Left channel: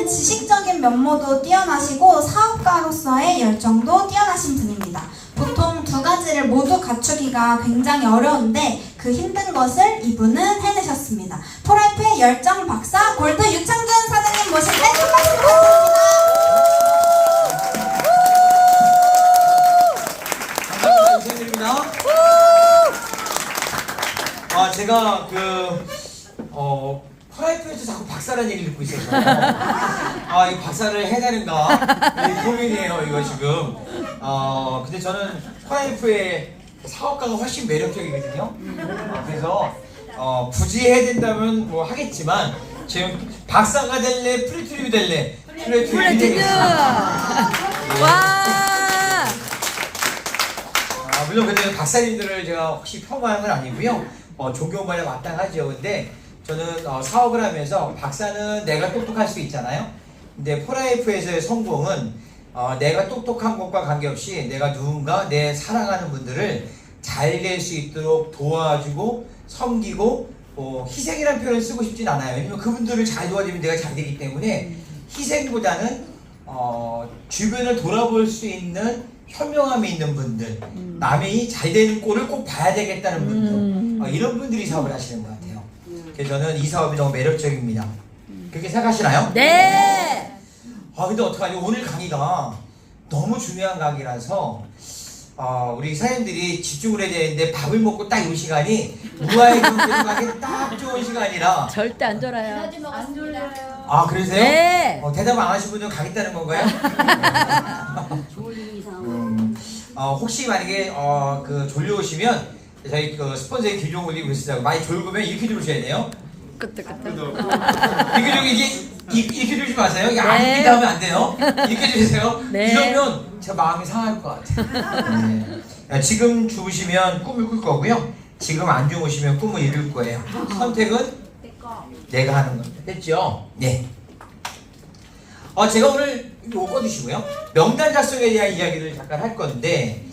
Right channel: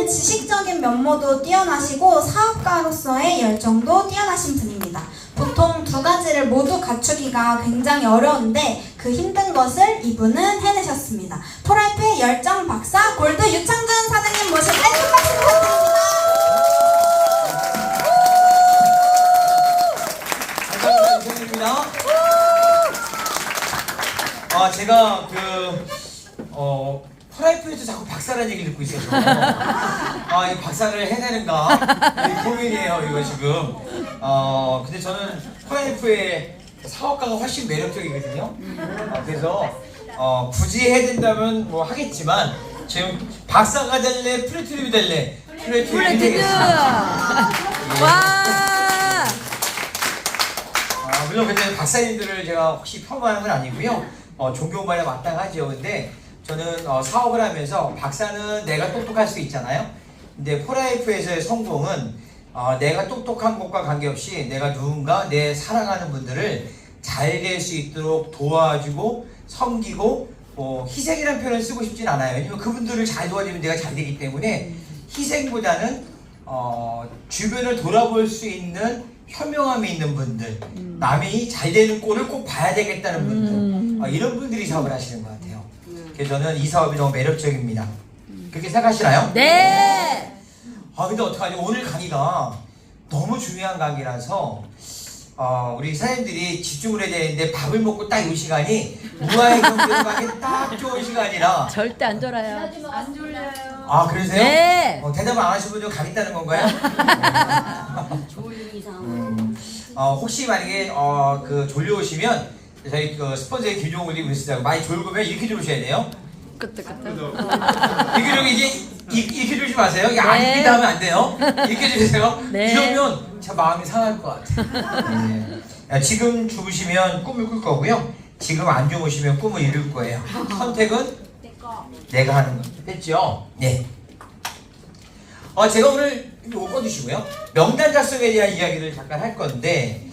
씨는 지식적인 면모도 뛰어나시고 사업가로서의 열정도 뛰어나신 분입니다. 보통 두 가지를 모두 갖추기가 굉장히 어려운데 그 힘든 것을 이분은 해내셨습니다. 포라이프의 열정 박사 골드 유창준 사장님 모실 때 큰 박수 부탁드립니다. 감사합니다. 제가 프라이팬에서 자꾸 박사라는 얘기를 듣고 있어요. 이 박사를 해내는가 고민이에요, 이거 지금. 근데 저는 프라이팬의 사업가가 훨씬 매력적이거든요. 그래서 굳이 해야 된다면 뭐 하겠지만 지금 박사가 될래, 플래티늄이 될래? 플래티늄! 와! 물론 근데 박사님들을 제가 혹시 폄하하는 건 아니고요. 존경받아 마땅하죠. 근데 저는 사업을 하면서 박사는 내가 똑똑할 수 있잖아요. 근데 포라이프에서의 성공은 내가 똑똑한 것과 관계없이 내가 누군가 내 사랑하는 분들을 잘 될 수 있도록 도와주고 섬기고 희생이라는 표현을 쓰고 싶진 않아요. 왜냐면 그분들을 잘 도와주면 내가 잘 되기 때문에 희생보다는 주변을 돌아볼 수 있는 현명함이 있는 분들, 남이 잘 되는 꼴을 꼭 봐야 되겠다는 분들, 이런 분들이 사업을 하시는 것 같아요. 그래서 저는 이 사업이 너무 매력적입니다. 그렇게 생각하시나요? 네! 근데 어떡하지? 오늘 강의가 너무 중요한 강의라서 우리 사장님들이 집중을 해야 되는데 밥을 먹고 딱 이 시간이 무아의 분들을 가기 딱 좋은 시간이라. 절대 안 졸아요. 안 졸려요. 그러세요? 네! 대답 안 하신 분들 가겠다는 건가요? 졸린 이상. 혹시 만약에 졸려오시면 저희 스폰서의 김종욱 올리고 계시다고 많이 졸고면 이렇게 주무셔야 돼요. 그때. 이렇게 주지 마세요. 이렇게 하면 안 돼요. 이렇게 주세요. 네. 이러면 제 마음이 상할 것 같아요. 네. 지금 주무시면 꿈을 꿀 거고요. 지금 안 주무시면 꿈을 이룰 거예요. 선택은 내가 하는 겁니다. 됐죠? 네. 제가 오늘 이거 꺼주시고요. 명단 작성에 대한 이야기를 잠깐 할 건데,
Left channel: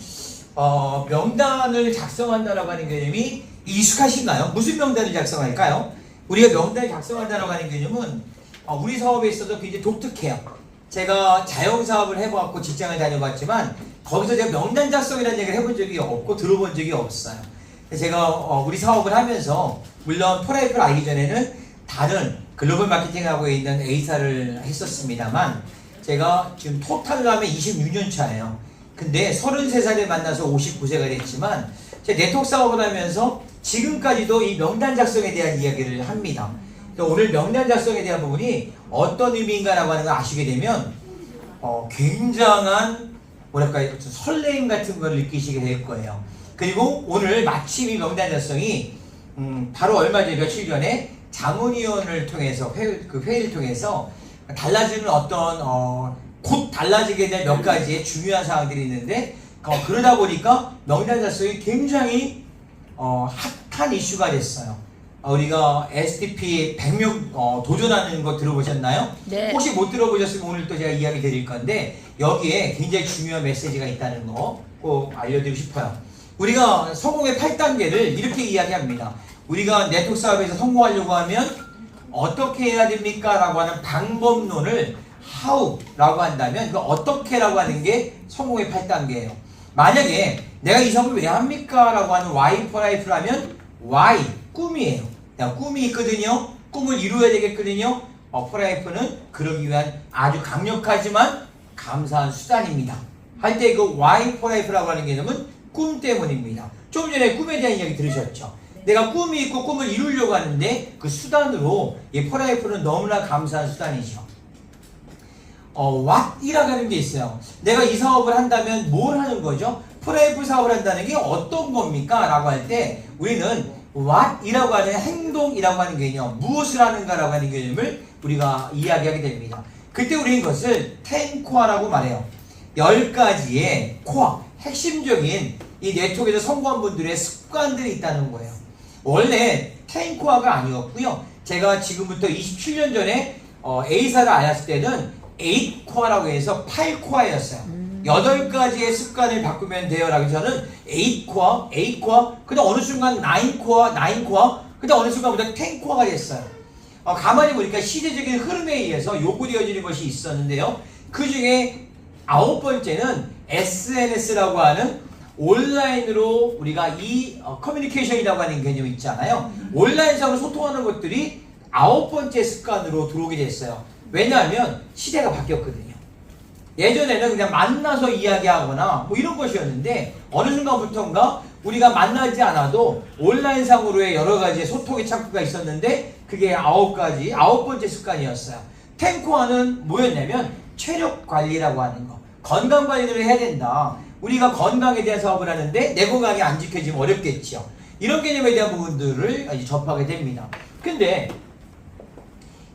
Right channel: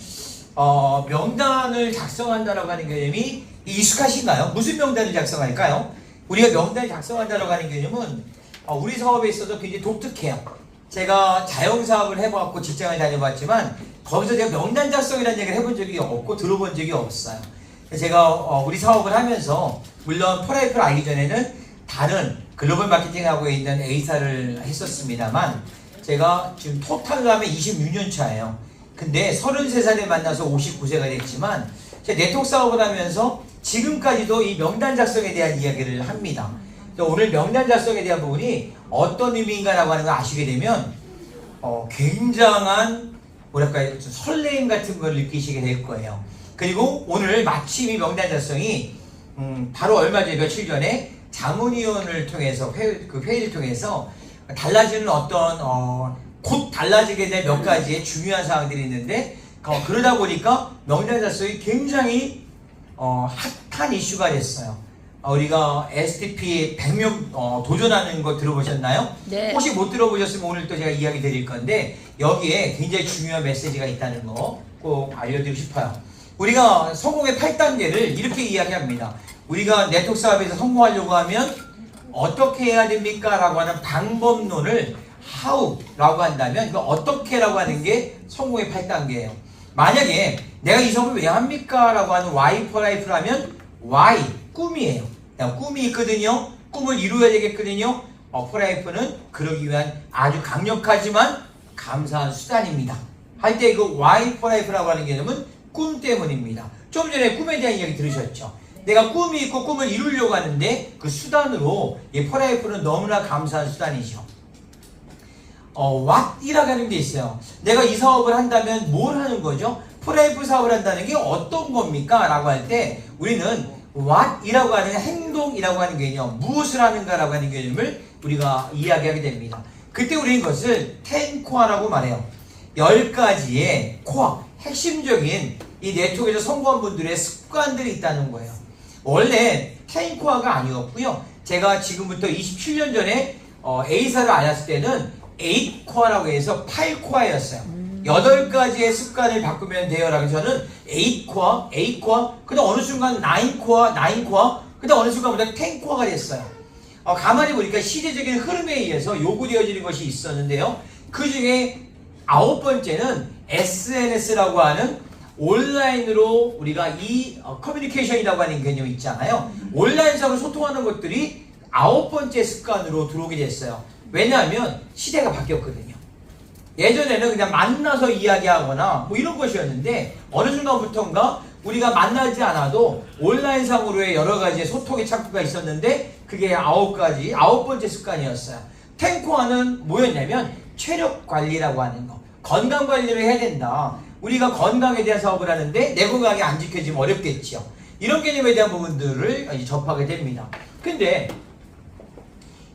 명단을 작성한다라고 하는 개념이 익숙하신가요? 무슨 명단을 작성할까요? 우리가 명단을 작성한다라고 하는 개념은 우리 사업에 있어서 굉장히 독특해요. 제가 자영사업을 해봤고 직장을 다녀봤지만 거기서 제가 명단 작성이라는 얘기를 해본 적이 없고 들어본 적이 없어요. 제가 우리 사업을 하면서 물론 포라이프를 알기 전에는 다른 글로벌 마케팅하고 있는 A사를 했었습니다만 제가 지금 토탈로 하면 26년 차예요. 근데 33살에 만나서 59세가 됐지만 제가 네트워크 사업을 하면서 지금까지도 이 명단 작성에 대한 이야기를 합니다. 오늘 명단 작성에 대한 부분이 어떤 의미인가라고 하는 걸 아시게 되면 굉장한 설레임 같은 걸 느끼시게 될 거예요. 그리고 오늘 마침 이 명단 작성이 바로 얼마 전에 며칠 전에 자문위원을 통해서 회의를 통해서 달라지는 곧 달라지게 될 몇 가지의 중요한 사항들이 있는데 그러다 보니까 명단 작성이 굉장히 핫한 이슈가 됐어요. 우리가 SDP 100명 도전하는 거 들어보셨나요? 네. 혹시 못 들어보셨으면 오늘 또 제가 이야기 드릴 건데 여기에 굉장히 중요한 메시지가 있다는 거 꼭 알려드리고 싶어요. 우리가 성공의 8단계를 이렇게 이야기합니다. 우리가 네트워크 사업에서 성공하려고 하면 어떻게 해야 됩니까? 라고 하는 방법론을 how라고 한다면 그 어떻게라고 하는 게 성공의 8단계예요. 만약에 내가 이 사업을 왜 합니까? 라고 하는 why for life라면 why, 꿈이에요. 꿈이 있거든요. 꿈을 이루어야 되겠거든요. for life는 그러기 위한 아주 강력하지만 감사한 수단입니다. 할 때 그 why for life라고 하는 개념은 꿈 때문입니다. 좀 전에 꿈에 대한 이야기 들으셨죠? 내가 꿈이 있고 꿈을 이루려고 하는데 그 수단으로 이 for life는 너무나 감사한 수단이죠. what이라고 하는 게 있어요. 내가 이 사업을 한다면 뭘 하는 거죠? 프라이프 사업을 한다는 게 어떤 겁니까? 라고 할 때 우리는 what이라고 하는 행동이라고 하는 개념, 무엇을 하는가 라고 하는 개념을 우리가 이야기하게 됩니다. 그때 우리는 이것을 10코어라고 말해요. 10가지의 코어, 핵심적인 이 네트워크에서 성공한 분들의 습관들이 있다는 거예요. 원래 10코어가 아니었고요. 제가 지금부터 27년 전에 A사를 알았을 때는 8코어라고 해서 8코어였어요. 8가지의 습관을 바꾸면 돼요. 라고 저는 8코어, 그 다음 어느 순간 9코어, 그 다음 어느 순간부터 10코어가 됐어요. 가만히 보니까 시대적인 흐름에 의해서 요구되어지는 것이 있었는데요. 그 중에 9번째는 SNS라고 하는 온라인으로 우리가 커뮤니케이션이라고 하는 개념이 있잖아요. 온라인상으로 소통하는 것들이 9번째 습관으로 들어오게 됐어요. 왜냐하면 시대가 바뀌었거든요. 예전에는 그냥 만나서 이야기하거나 뭐 이런 것이었는데 어느 순간부터인가 우리가 만나지 않아도 온라인상으로의 여러 가지 소통의 창구가 있었는데 그게 9번째 습관이었어요. 탱코아는 뭐였냐면 체력 관리라고 하는 거. 건강 관리를 해야 된다. 우리가 건강에 대한 사업을 하는데 내 건강이 안 지켜지면 어렵겠죠. 이런 개념에 대한 부분들을 접하게 됩니다. 근데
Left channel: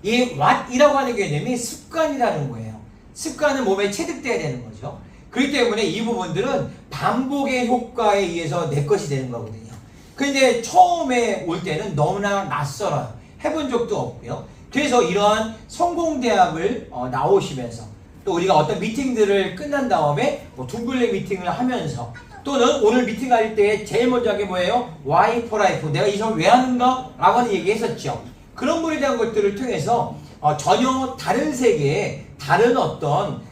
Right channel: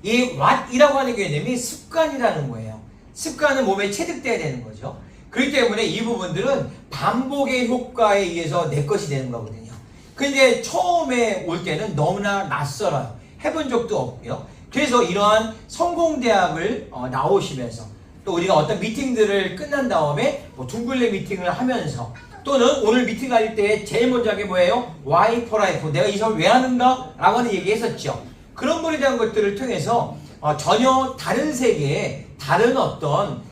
이 what이라고 하는 개념이 습관이라는 거예요. 습관은 몸에 체득돼야 되는 거죠. 그렇기 때문에 이 부분들은 반복의 효과에 의해서 내 것이 되는 거거든요. 근데 처음에 올 때는 너무나 낯설어요. 해본 적도 없고요. 그래서 이러한 성공대학을 나오시면서 또 우리가 어떤 미팅들을 끝난 다음에 뭐 둥글레 미팅을 하면서 또는 오늘 미팅할 때 제일 먼저 하게 뭐예요? Why for life. 내가 이 사업을 왜 하는가? 라고 하는 얘기 했었죠. 그런 거에 대한 것들을 통해서 전혀 다른 세계에 다른 어떤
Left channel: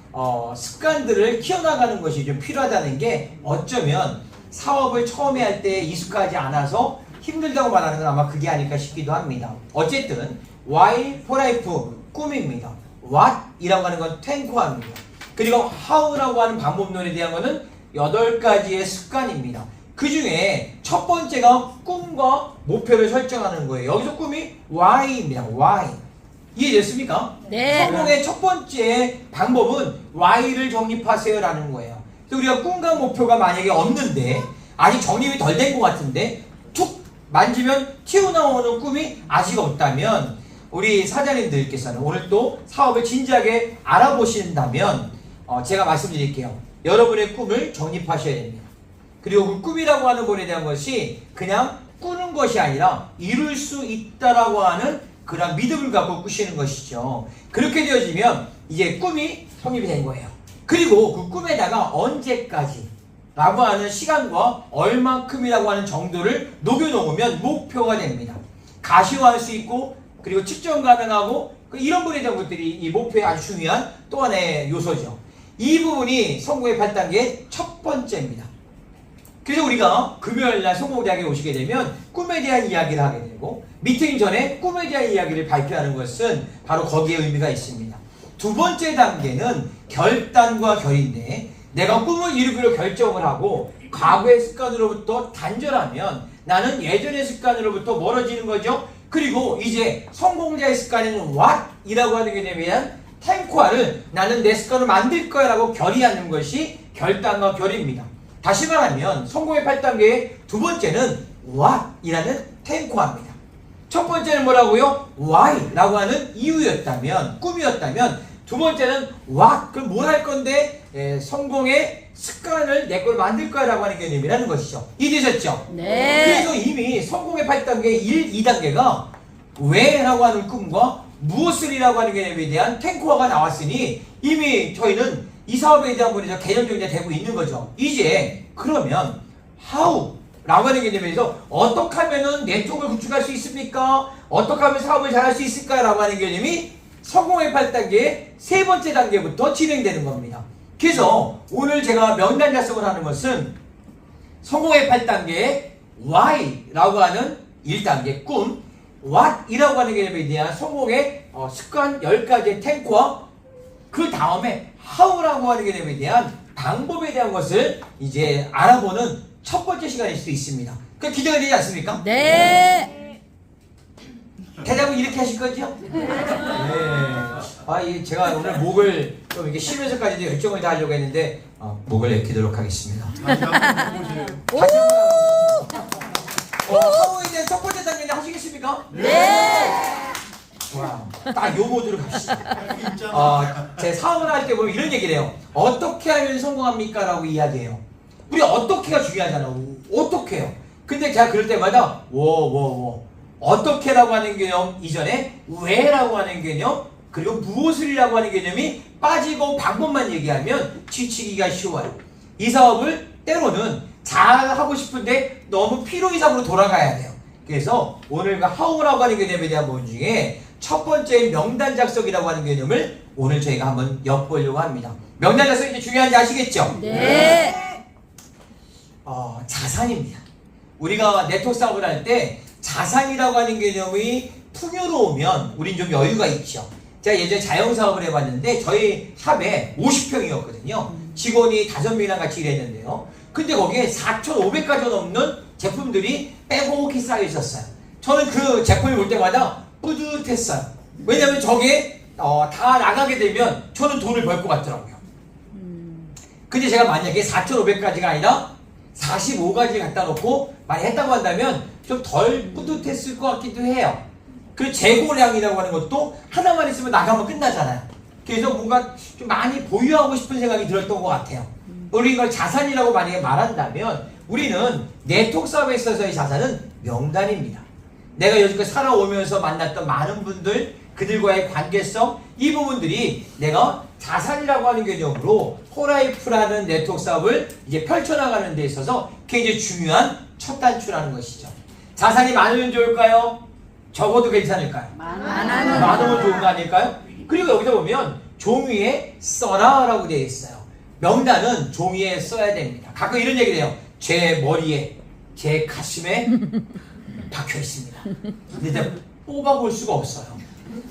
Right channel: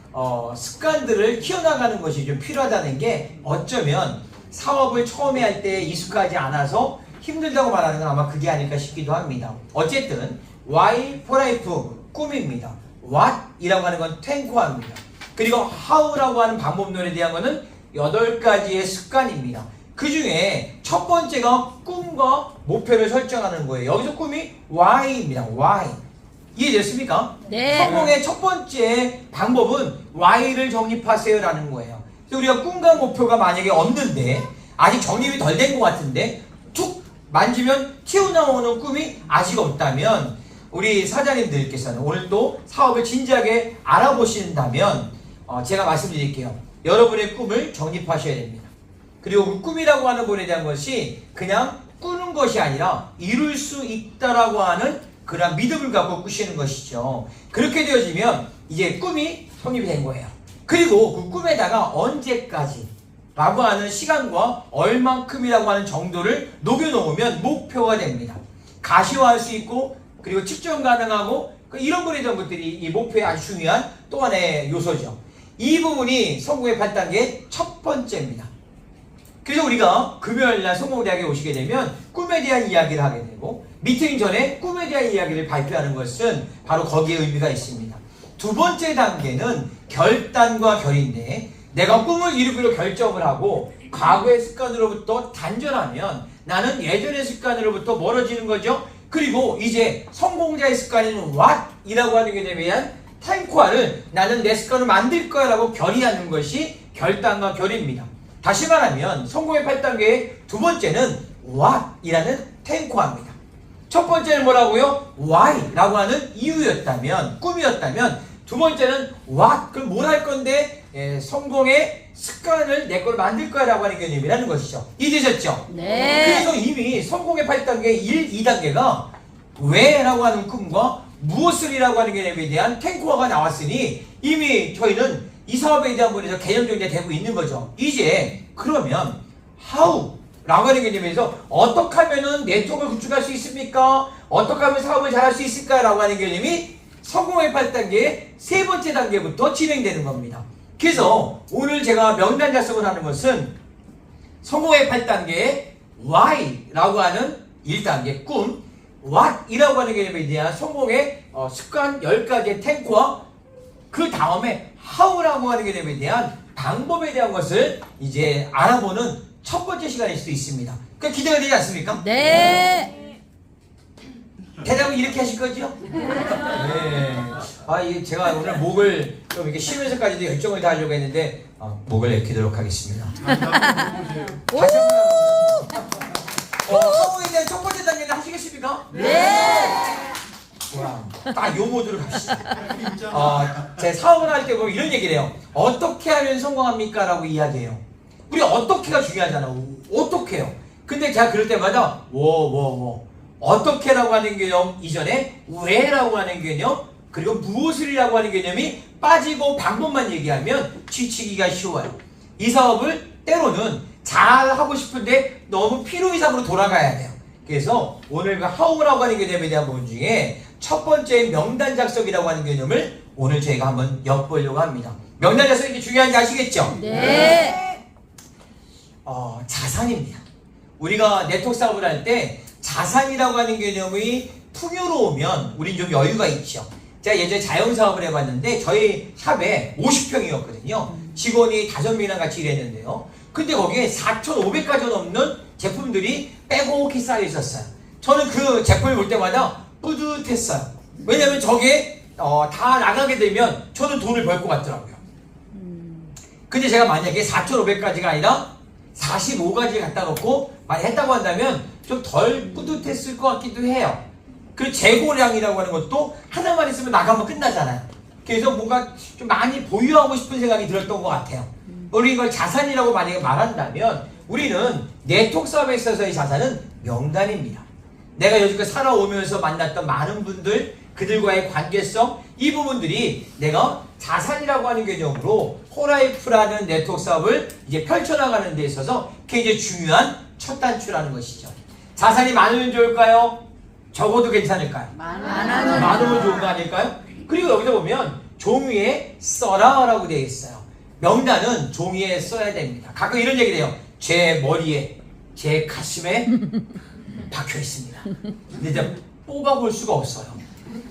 습관들을 키워나가는 것이 좀 필요하다는 게 어쩌면 사업을 처음에 할 때 익숙하지 않아서 힘들다고 말하는 건 아마 그게 아닐까 싶기도 합니다. 어쨌든 Why for life 꿈입니다. What이라고 하는 건 탱코합니다. 그리고 How라고 하는 방법론에 대한 것은 8가지의 습관입니다. 그 중에 첫 번째가 꿈과 목표를 설정하는 거예요. 여기서 꿈이 Why입니다. Why. 이해됐습니까? 네. 성공의 첫 번째 방법은 Why를 정립하세요라는 거예요. 우리가 꿈과 목표가 만약에 없는데 아직 정립이 덜 된 것 같은데 툭 만지면 튀어나오는 꿈이 아직 없다면 우리 사장님들께서는 오늘 또 사업을 진지하게 알아보신다면 제가 말씀드릴게요. 여러분의 꿈을 정립하셔야 됩니다. 그리고 그 꿈이라고 하는 것에 대한 것이 그냥 꾸는 것이 아니라 이룰 수 있다라고 하는 그런 믿음을 갖고 꾸시는 것이죠. 그렇게 되어지면 이제 꿈이 성립이 된 거예요. 그리고 그 꿈에다가 언제까지 라고 하는 시간과 얼만큼이라고 하는 정도를 녹여놓으면 목표가 됩니다. 가시화할 수 있고 그리고 측정 가능하고 이런 거에 대한 것들이 이 목표의 아주 중요한 또 하나의 요소죠. 이 부분이 성공의 8단계의 첫 번째입니다. 그래서 우리가 금요일날 성공대학에 오시게 되면 꿈에 대한 이야기를 하게 되고 미팅 전에 꿈에 대한 이야기를 발표하는 것은 바로 거기에 의미가 있습니다. 두 번째 단계는 결단과 결인데 내가 꿈을 이루기로 결정을 하고 과거의 습관으로부터 단절하면 나는 예전의 습관으로부터 멀어지는 거죠. 그리고 이제 성공자의 습관인 what이라고 하는 개념에 대한 탱코아를 나는 내 습관을 만들 거야 라고 결의하는 것이 결단과 결입니다. 다시 말하면 성공의 8단계의 두 번째는 what이라는 탱코아입니다. 첫 번째는 뭐라고요? why 라고 하는 이유였다면 꿈이었다면 두 번째는 what 그럼 뭘 할 건데 성공의 습관을 내 걸 만들 거야 라고 하는 개념이라는 것이죠. 이해되셨죠? 네. 그래서 이미 성공의 8단계 1, 2단계가 왜 라고 하는 꿈과 무엇을이라고 하는 개념에 대한 탱코아가 나왔으니 이미 저희는 이 사업에 대한 부분에서 개념적이 되고 있는 거죠. 이제 그러면 how 라고 하는 개념에서 어떻게 하면 네트워크를 구축할 수 있습니까? 어떻게 하면 사업을 잘할 수 있을까? 라고 하는 개념이 성공의 8단계의 세 번째 단계부터 진행되는 겁니다. 그래서 오늘 제가 명단 작성을 하는 것은 성공의 8단계의 why라고 하는 1단계 꿈, what이라고 하는 개념에 대한 성공의 습관 10가지의 탱크와 그 다음에 how라고 하는 개념에 대한 방법에 대한 것을 이제 알아보는 첫 번째 시간일 수 있습니다. 그 기대가 되지 않습니까? 네. 대답은 이렇게 하실 거죠? 네. 제가 오늘 목을 좀 이렇게 쉬면서까지도 열정을 다하려고 했는데 목을 내키도록 하겠습니다. 오! 성공에 첫 번째 단계는 하시겠습니까? 네. 와, 딱 요 모드로 갑시다. 제 사업을 할 때 보면 이런 얘기를 해요. 어떻게 하면 성공합니까? 라고 이야기해요. 우리 어떻게가 중요하잖아. 어떻게 해요? 근데 제가 그럴 때마다 어떻게라고 하는 개념 이전에 왜라고 하는 개념 그리고 무엇을이라고 하는 개념이 빠지고 방법만 얘기하면 지치기가 쉬워요. 이 사업을 때로는 잘하고 싶은데 너무 필요 이상으로 돌아가야 돼요. 그래서 오늘 그 how라고 하는 개념에 대한 부분 중에 첫 번째 명단 작성이라고 하는 개념을 오늘 저희가 한번 엿보려고 합니다. 명단 작성이 이제 중요한지 아시겠죠? 네. 자산입니다. 우리가 네트워크 사업을 할 때 자산이라고 하는 개념이 풍요로우면 우린 좀 여유가 있죠. 제가 예전에 자영사업을 해봤는데 저희 샵에 50평이었거든요. 직원이 5명이랑 같이 일했는데요. 근데 거기에 4,500가지 넘는 제품들이 빼곡히 쌓여 있었어요. 저는 그 제품을 볼 때마다 뿌듯했어요. 왜냐면 저게 다 나가게 되면 저는 돈을 벌 것 같더라고요. 근데 제가 만약에 4,500가지가 아니라 45가지 갖다 놓고 많이 했다고 한다면 좀 덜 뿌듯했을 것 같기도 해요. 그 재고량이라고 하는 것도 하나만 있으면 나가면 끝나잖아요. 그래서 뭔가 좀 많이 보유하고 싶은 생각이 들었던 것 같아요. 우리 이걸 자산이라고 만약에 말한다면 우리는 네트워크 사업에 있어서의 자산은 명단입니다. 내가 여지껏 살아오면서 만났던 많은 분들, 그들과의 관계성, 이 부분들이 내가 자산이라고 하는 개념으로 호라이프라는 네트워크 사업을 이제 펼쳐나가는 데 있어서 굉장히 중요한 첫 단추라는 것이죠. 자산이 많으면 좋을까요? 적어도 괜찮을까요? 많으면 좋은 거 아닐까요? 그리고 여기다 보면 종이에 써라라고 되어 있어요. 명단은 종이에 써야 됩니다. 가끔 이런 얘기 돼요. 제 머리에, 제 가슴에 박혀 있습니다. 근데 이제 뽑아볼 수가 없어요.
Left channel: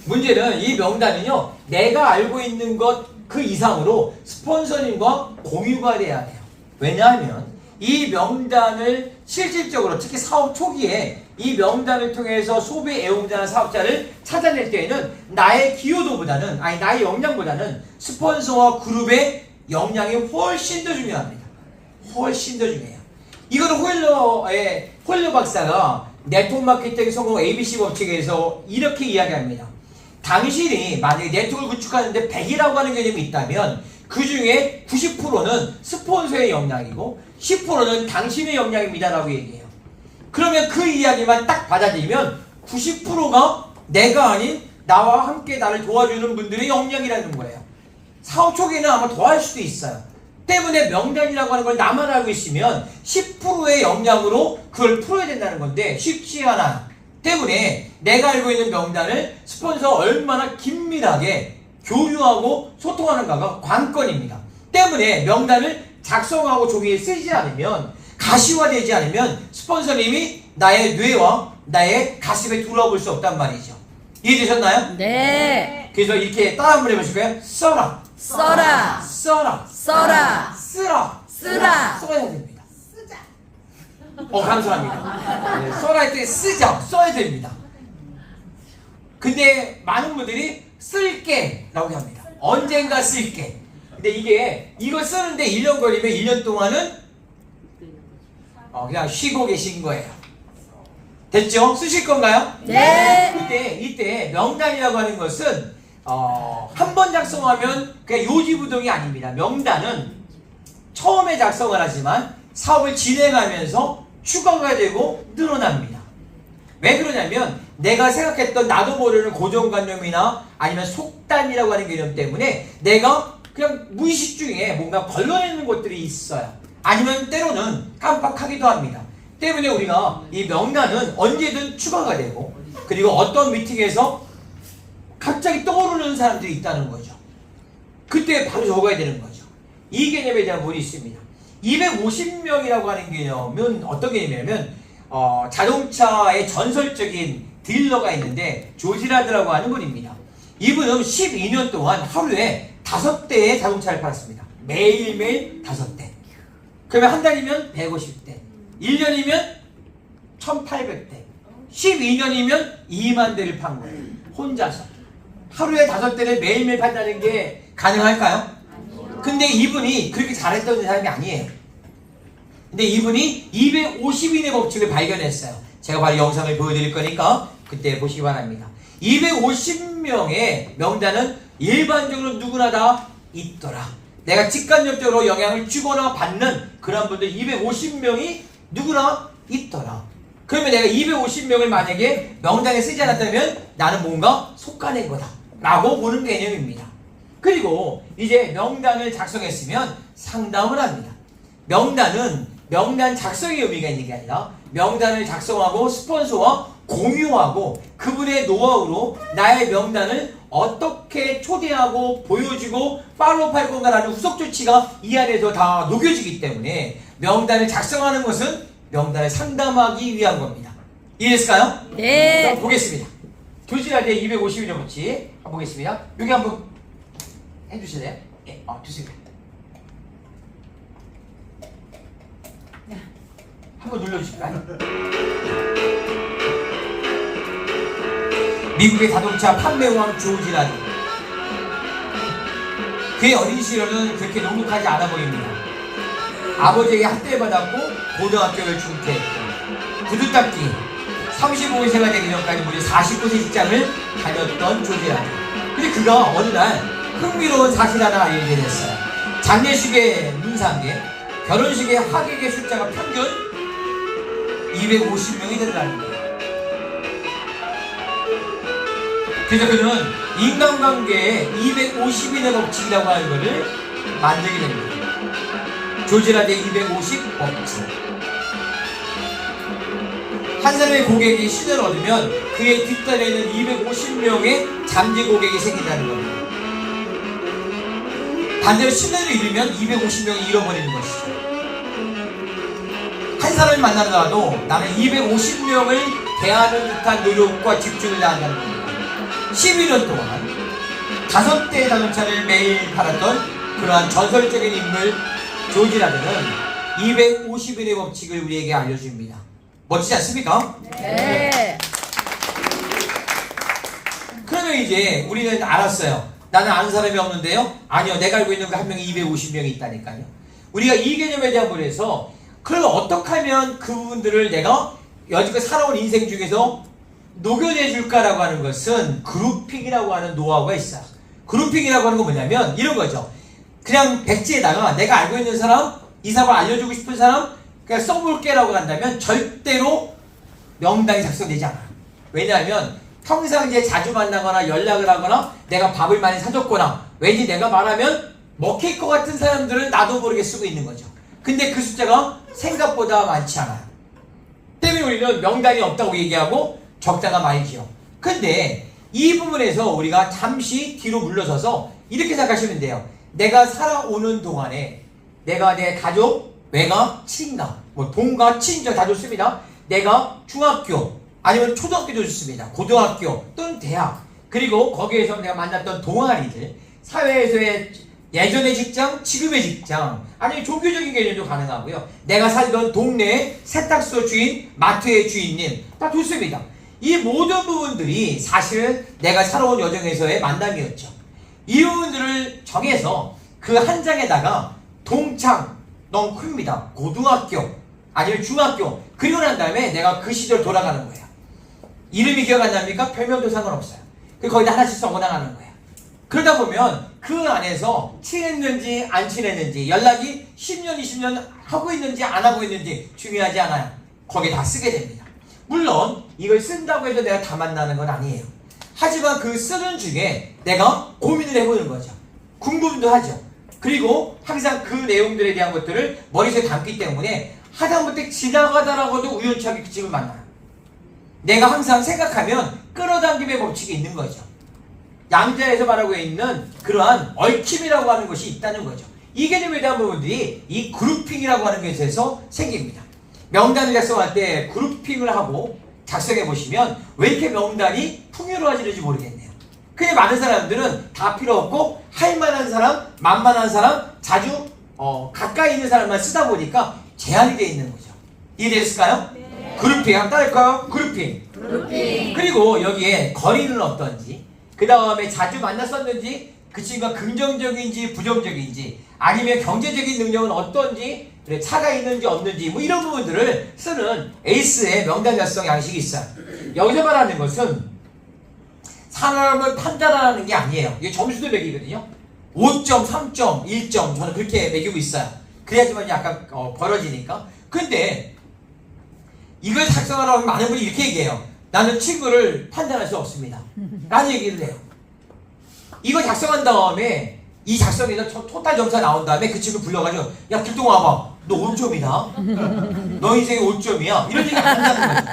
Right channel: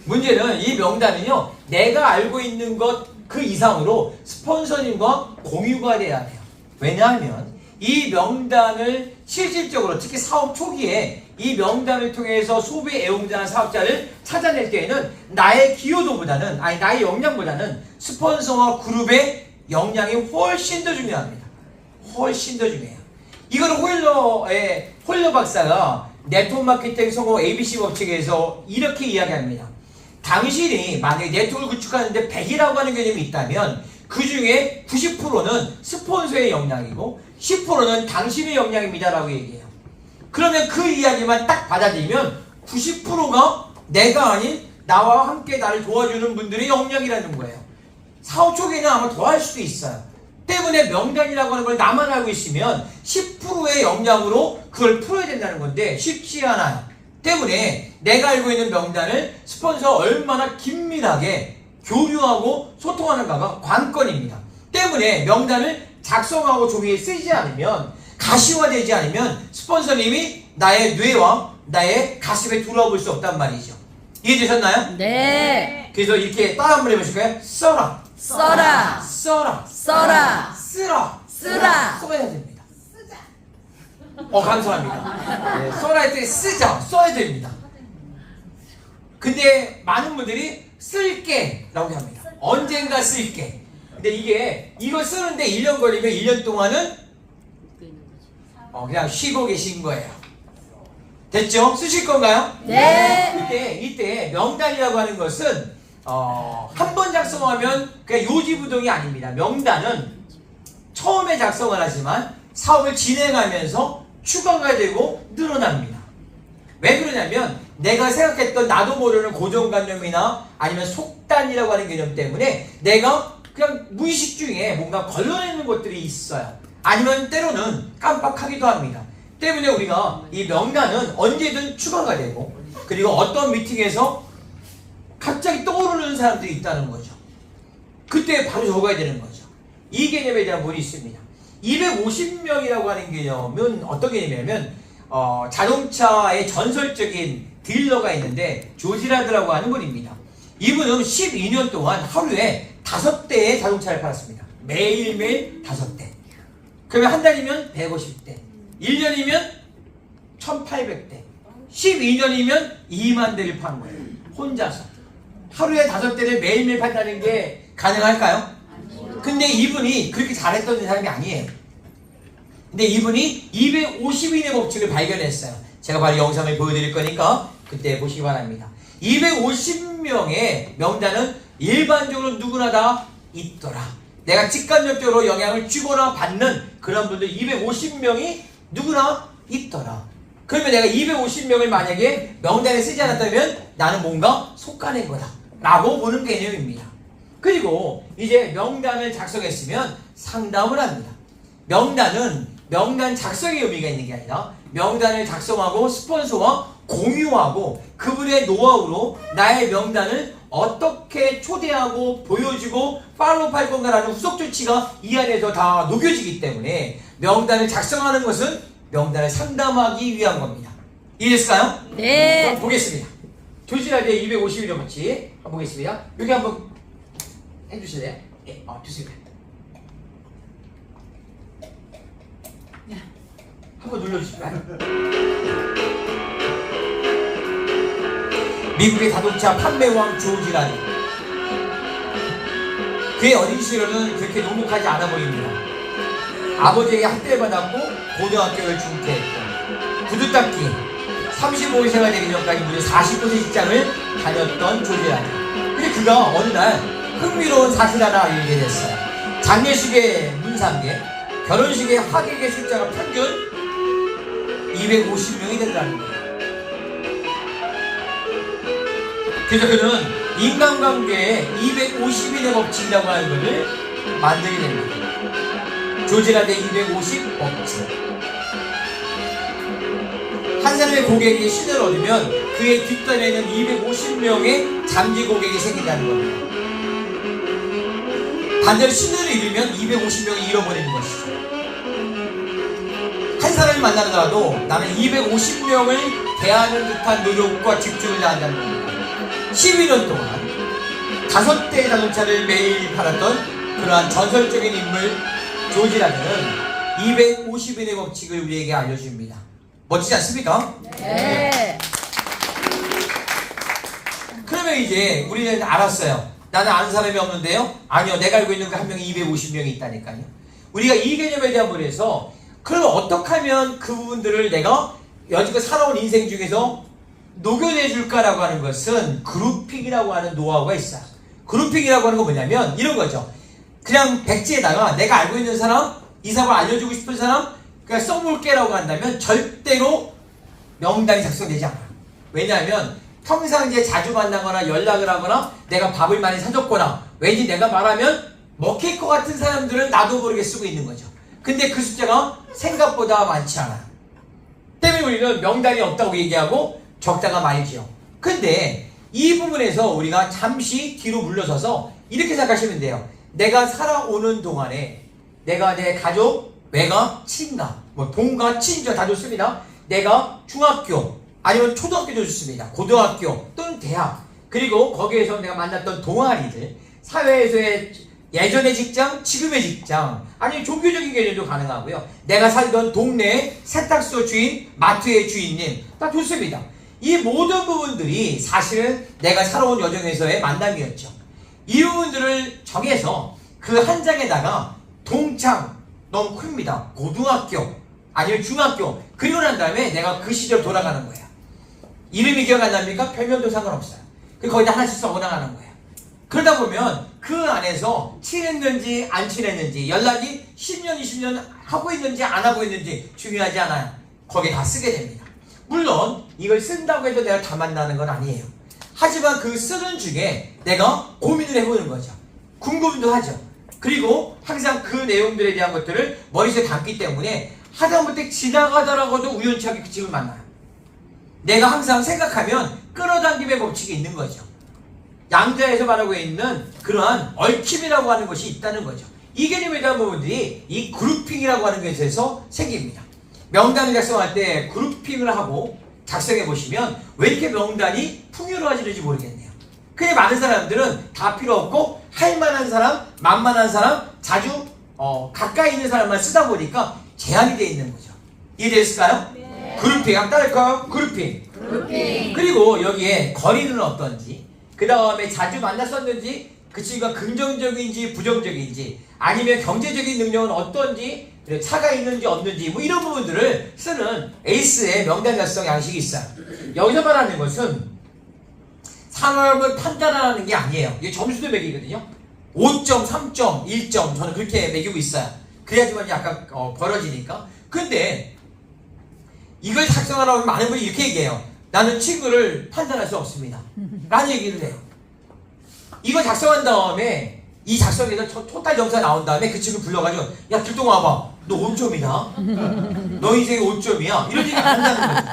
문제는 이 명단은요, 내가 알고 있는 것 그 이상으로 스폰서님과 공유가 돼야 돼요. 왜냐하면 이 명단을 실질적으로 특히 사업 초기에 이 명단을 통해서 소비 애용자나 사업자를 찾아낼 때에는 나의 기여도보다는, 나의 역량보다는 스폰서와 그룹의 역량이 훨씬 더 중요합니다. 훨씬 더 중요해요. 이거는 홀러 박사가 네트워크 마케팅 성공 ABC 법칙에서 이렇게 이야기합니다. 당신이 만약에 네트워크를 구축하는데 100이라고 하는 개념이 있다면 그 중에 90%는 스폰서의 역량이고 10%는 당신의 역량입니다 라고 얘기해요. 그러면 그 이야기만 딱 받아들이면 90%가 내가 아닌 나와 함께 나를 도와주는 분들의 역량이라는 거예요. 사업 초기에는 아마 더 할 수도 있어요. 때문에 명단이라고 하는 걸 나만 알고 있으면 10%의 역량으로 그걸 풀어야 된다는 건데 쉽지 않아요. 때문에 내가 알고 있는 명단을 스폰서와 얼마나 긴밀하게 교류하고 소통하는가가 관건입니다. 때문에 명단을 작성하고 종이에 쓰지 않으면, 가시화되지 않으면 스폰서님이 나의 뇌와 나의 가슴에 들어와 볼 수 없단 말이죠. 이해되셨나요? 네. 그래서 이렇게 따라 한번 해보실까요? 써라, 써라. 써라, 써라. 쓰라, 쓰라. 써야 됩니다. 감사합니다. 네, 써라 할 때 쓰자, 써야 됩니다. 근데 많은 분들이 쓸게 라고 합니다. 언젠가 쓸게. 근데 이거 쓰는데 1년 걸리면 1년 동안은 그냥 쉬고 계신 거예요. 됐죠? 쓰실 건가요? 네. 이때 명단이라고 하는 것은 한 번 작성하면 그냥 요지부동이 아닙니다. 명단은 처음에 작성을 하지만 사업을 진행하면서 추가가 되고 늘어납니다. 왜 그러냐면 내가 생각했던 나도 모르는 고정관념이나 아니면 속단이라고 하는 개념 때문에 내가 그냥 무의식 중에 뭔가 걸러내는 것들이 있어요. 아니면 때로는 깜빡하기도 합니다. 때문에 우리가 이 명단은 언제든 추가가 되고, 그리고 어떤 미팅에서 갑자기 떠오르는 사람들이 있다는 거죠. 그때 바로 적어야 되는 거죠. 이 개념에 대한 부분이 있습니다. 250명이라고 하는 개념은 어떤 개념이냐면 자동차의 전설적인 딜러가 있는데 조지라드라고 하는 분입니다. 이분은 12년 동안 하루에 5대의 자동차를 팔았습니다. 매일매일 5대. 그러면 한 달이면 150대, 1년이면 1800대, 12년이면 2만 대를 판 거예요. 혼자서. 하루에 5대를 매일매일 판다는 게 가능할까요? 근데 이분이 그렇게 잘했던 사람이 아니에요. 근데 이분이 250인의 법칙을 발견했어요. 제가 바로 영상을 보여드릴 거니까 그때 보시기 바랍니다. 250명의 명단은 일반적으로 누구나 다 있더라. 내가 직간접적으로 영향을 주거나 받는 그런 분들 250명이 누구나 있더라. 그러면 내가 250명을 만약에 명단에 쓰지 않았다면 나는 뭔가 속아낸 거다 라고 보는 개념입니다. 그리고 이제 명단을 작성했으면 상담을 합니다. 명단은 명단 작성의 의미가 있는 게 아니라 명단을 작성하고 스폰서와 공유하고 그분의 노하우로 나의 명단을 어떻게 초대하고 보여주고 팔로우할 건가라는 후속 조치가 이 안에서 다 녹여지기 때문에 명단을 작성하는 것은 명단을 상담하기 위한 겁니다. 이해했을까요? 네. 그럼 보겠습니다. 교실화대 251의 법칙 한번 보겠습니다. 여기 한번 해주실래요? 예, 좋습니다. 한번 눌러주실까요? 미국의 자동차 판매왕 조지라니. 그의 어린 시절은 그렇게 녹록하지 않아 보입니다. 아버지에게 학대를 받았고 고등학교를 중퇴했고 구두 닦기 35세가 되기 전까지 무려 40곳의 직장을 다녔던 조지라니. 근데 그가 어느 날 흥미로운 사실 하나 알게 됐어요. 장례식의 문상계, 결혼식의 하객의 숫자가 평균 250명이 되더라는 거예요. 그래서 그는 인간관계의 250인의 법칙이라고 하는 것을 만들게 됩니다. 조지라데 250 법칙. 한 사람의 고객이 신뢰를 얻으면 그의 뒷단에는 250명의 잠재 고객이 생긴다는 겁니다. 반대로 신뢰를 잃으면 250명이 잃어버리는 것이죠. 한 사람을 만나더라도 나는 250명을 대하는 듯한 노력과 집중을 다한다는 겁니다. 11년 동안 5대의 자동차를 매일 팔았던 그러한 전설적인 인물 조지라드는 250인의 법칙을 우리에게 알려줍니다. 멋지지 않습니까? 네. 그러면 이제 우리는 알았어요. 나는 아는 사람이 없는데요? 아니요, 내가 알고 있는 그 한 명이 250명이 있다니까요. 우리가 이 개념에 대한 부분에서 그러면 어떻게 하면 그 부분들을 내가 여지껏 살아온 인생 중에서 녹여내 줄까라고 하는 것은 그룹핑이라고 하는 노하우가 있어요. 그룹핑이라고 하는 건 뭐냐면 이런 거죠. 그냥 백지에다가 내가 알고 있는 사람, 이 사람 알려주고 싶은 사람 그냥 써볼게라고 한다면 절대로 명단이 작성되지 않아요. 왜냐하면 평상 이제 자주 만나거나 연락을 하거나 내가 밥을 많이 사줬거나 왠지 내가 말하면 먹힐 것 같은 사람들은 나도 모르게 쓰고 있는 거죠. 근데 그 숫자가 생각보다 많지 않아요. 때문에 우리는 명단이 없다고 얘기하고 적다가 말이죠. 근데 이 부분에서 우리가 잠시 뒤로 물러서서 이렇게 생각하시면 돼요. 내가 살아오는 동안에 내가 내 가족, 외가, 친가, 뭐 동가, 친정 다 좋습니다. 내가 중학교 아니면 초등학교도 좋습니다. 고등학교 또는 대학 그리고 거기에서 내가 만났던 동아리들 사회에서의 예전의 직장, 지금의 직장 아니면 종교적인 개념도 가능하고요. 내가 살던 동네 세탁소 주인, 마트의 주인님 다 좋습니다. 이 모든 부분들이 사실은 내가 살아온 여정에서의 만남이었죠. 이 부분들을 정해서 그 한 장에다가 동창 너무 큽니다. 고등학교 아니면 중학교 그리고 난 다음에 내가 그 시절 돌아가는 거예요. 이름이 기억 안 납니까? 별명도 상관없어요. 거기다 하나씩 써나가는 거예요. 그러다 보면 그 안에서 친했는지 안 친했는지 연락이 10년 20년 하고 있는지 안 하고 있는지 중요하지 않아요. 거기에 다 쓰게 됩니다. 물론 이걸 쓴다고 해도 내가 다 만나는 건 아니에요. 하지만 그 쓰는 중에 내가 고민을 해보는 거죠. 궁금도 하죠. 그리고 항상 그 내용들에 대한 것들을 머릿속에 담기 때문에 하다못해 지나가다라고도 우연찮게 그 집을 만나요. 내가 항상 생각하면 끌어당김의 법칙이 있는 거죠. 양자에서 말하고 있는 그러한 얽힘이라고 하는 것이 있다는 거죠. 이 개념에 대한 부분들이 이 그룹핑이라고 하는 것에서 생깁니다. 명단을 작성할 때 그룹핑을 하고 작성해 보시면 왜 이렇게 명단이 풍요로워지는지 모르겠네요. 그냥 많은 사람들은 다 필요 없고 할 만한 사람, 만만한 사람, 자주 가까이 있는 사람만 쓰다 보니까 제한이 되어 있는 거죠. 이해되셨을까요? 네. 그룹핑 한번 따를까요? 그룹핑. 그리고 여기에 거리는 어떤지 그 다음에 자주 만났었는지 그 친구가 긍정적인지 부정적인지 아니면 경제적인 능력은 어떤지 차가 있는지 없는지 뭐 이런 부분들을 쓰는 에이스의 명단 작성 양식이 있어요. 여기서 말하는 것은 사람을 판단하는 게 아니에요. 이게 점수도 매기거든요. 5점, 3점, 1점 저는 그렇게 매기고 있어요. 그래야지만 약간 벌어지니까. 근데 이걸 작성하라고 하면 많은 분이 이렇게 얘기해요. 나는 친구를 판단할 수 없습니다. 라는 얘기를 해요. 이거 작성한 다음에 이 작성에서 토탈 점수가 나온 다음에 그 친구 불러가지고 야 길동 와봐. 너 5점이다. 너 인생이 5점이야. 이런 얘기 안 한다는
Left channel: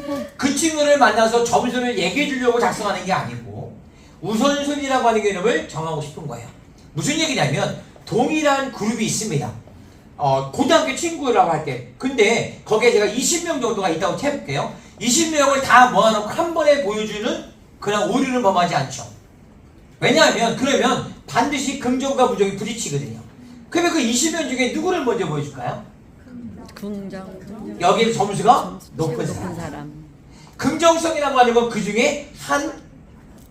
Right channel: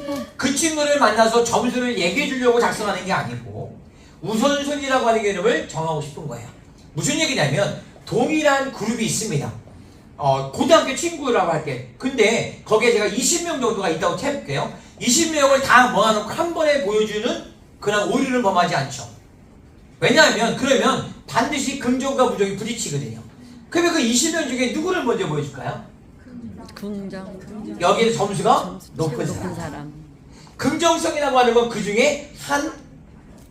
거죠. 그 친구를 만나서 점수를 얘기해 주려고 작성하는 게 아니고 우선순위라고 하는 개념을 정하고 싶은 거예요. 무슨 얘기냐면 동일한 그룹이 있습니다. 고등학교 친구라고 할게. 근데 거기에 제가 20명 정도가 있다고 해볼게요. 20명을 다 모아놓고 한 번에 보여주는 그런 오류는 범하지 않죠. 왜냐하면 그러면 반드시 긍정과 부정이 부딪히거든요. 그러면 그 20명 중에 누구를 먼저 보여줄까요? 긍정. 여기는 점수가 점수 높은 높은 사람. 사람. 긍정성이라고 하는 건 그 중에 한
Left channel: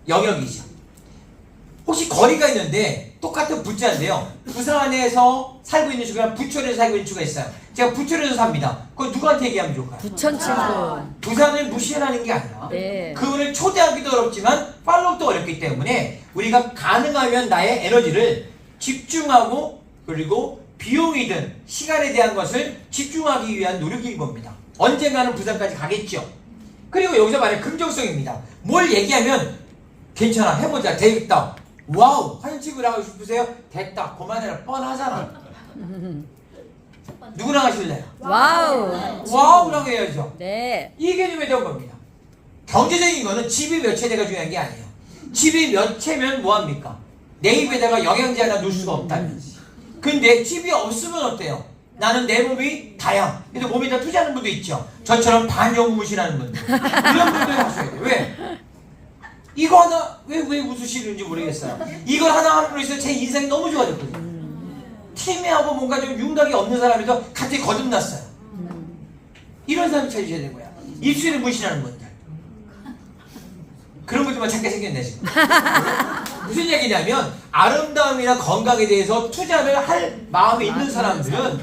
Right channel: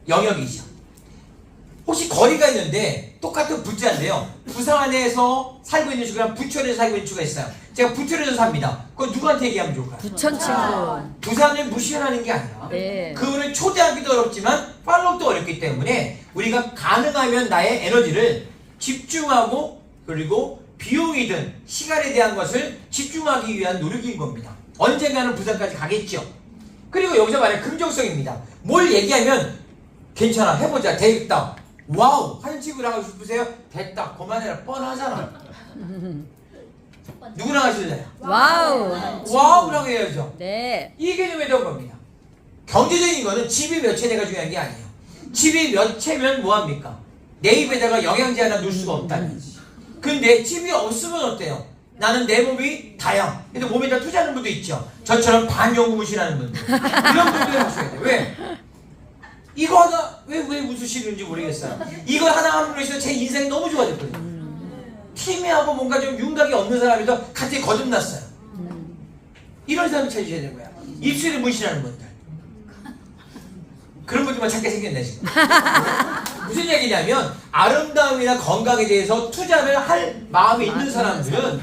영역이죠. 혹시 거리가 있는데 똑같은 부자인데요. 부산에서 살고 있는 친구랑 부천에서 살고 있는 친구가 있어요. 제가 부천에서 삽니다. 그건 누구한테 얘기하면 좋을까요? 부천 친구. 부산을 무시하는 게 아니라 네. 그분을 초대하기도 어렵지만 팔로우도 어렵기 때문에 우리가 가능하면 나의 에너지를 집중하고 그리고 비용이든 시간에 대한 것을 집중하기 위한 노력인 겁니다. 언젠가는 부산까지 가겠죠. 그리고 여기서 말하는 긍정성입니다. 뭘 얘기하면 괜찮아 해보자 되겠다 와우 하는 친구랑 하고 싶으세요? 됐다 그만해라 뻔하잖아. 누구랑 하실래요? 와우. 와우라고 해야죠. 네. 이 개념에 대한 겁니다. 경제적인 거는 집이 몇 채대가 중요한 게 아니에요. 집이 몇 채면 뭐합니까? 내 입에다가 영양제 하나 넣을 수가 없다는 거지. 근데 집이 없으면 어때요? 나는 내 몸이 다양. 근데 몸에다 투자하는 분도 있죠. 저처럼 반영무실하는 분들. 이런 분들 하셔야 돼요. 왜? 이거 하나 왜 웃으시는지 모르겠어요. 이거 하나 함으로 해서 제 인생이 너무 좋아졌거든요. 팀하고 뭔가 좀 윤곽이 없는 사람이도 갑자기 거듭났어요. 이런 사람을 찾으셔야 되는 거야. 입술에 문신하는 분들. 그런 분들만 찾게 생겼네 지금. 무슨 얘기냐면 아름다움이나 건강에 대해서 투자를 할 마음이 있는 사람들은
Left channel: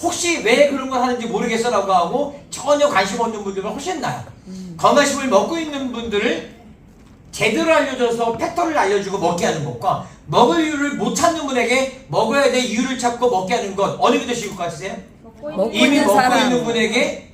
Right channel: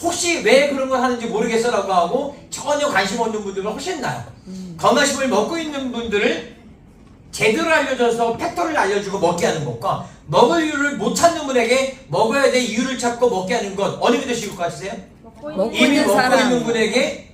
혹시 왜 그런 걸 하는지 모르겠어라고 하고 전혀 관심 없는 분들은 훨씬 나아요. 건강식품을 먹고 있는 분들을 제대로 알려줘서 팩터를 알려주고 먹게 하는 것과 먹을 이유를 못 찾는 분에게 먹어야 될 이유를 찾고 먹게 하는 것 어느 게 더 쉬울 것 같으세요? 먹고 이미 있는 먹고 사람. 있는 분에게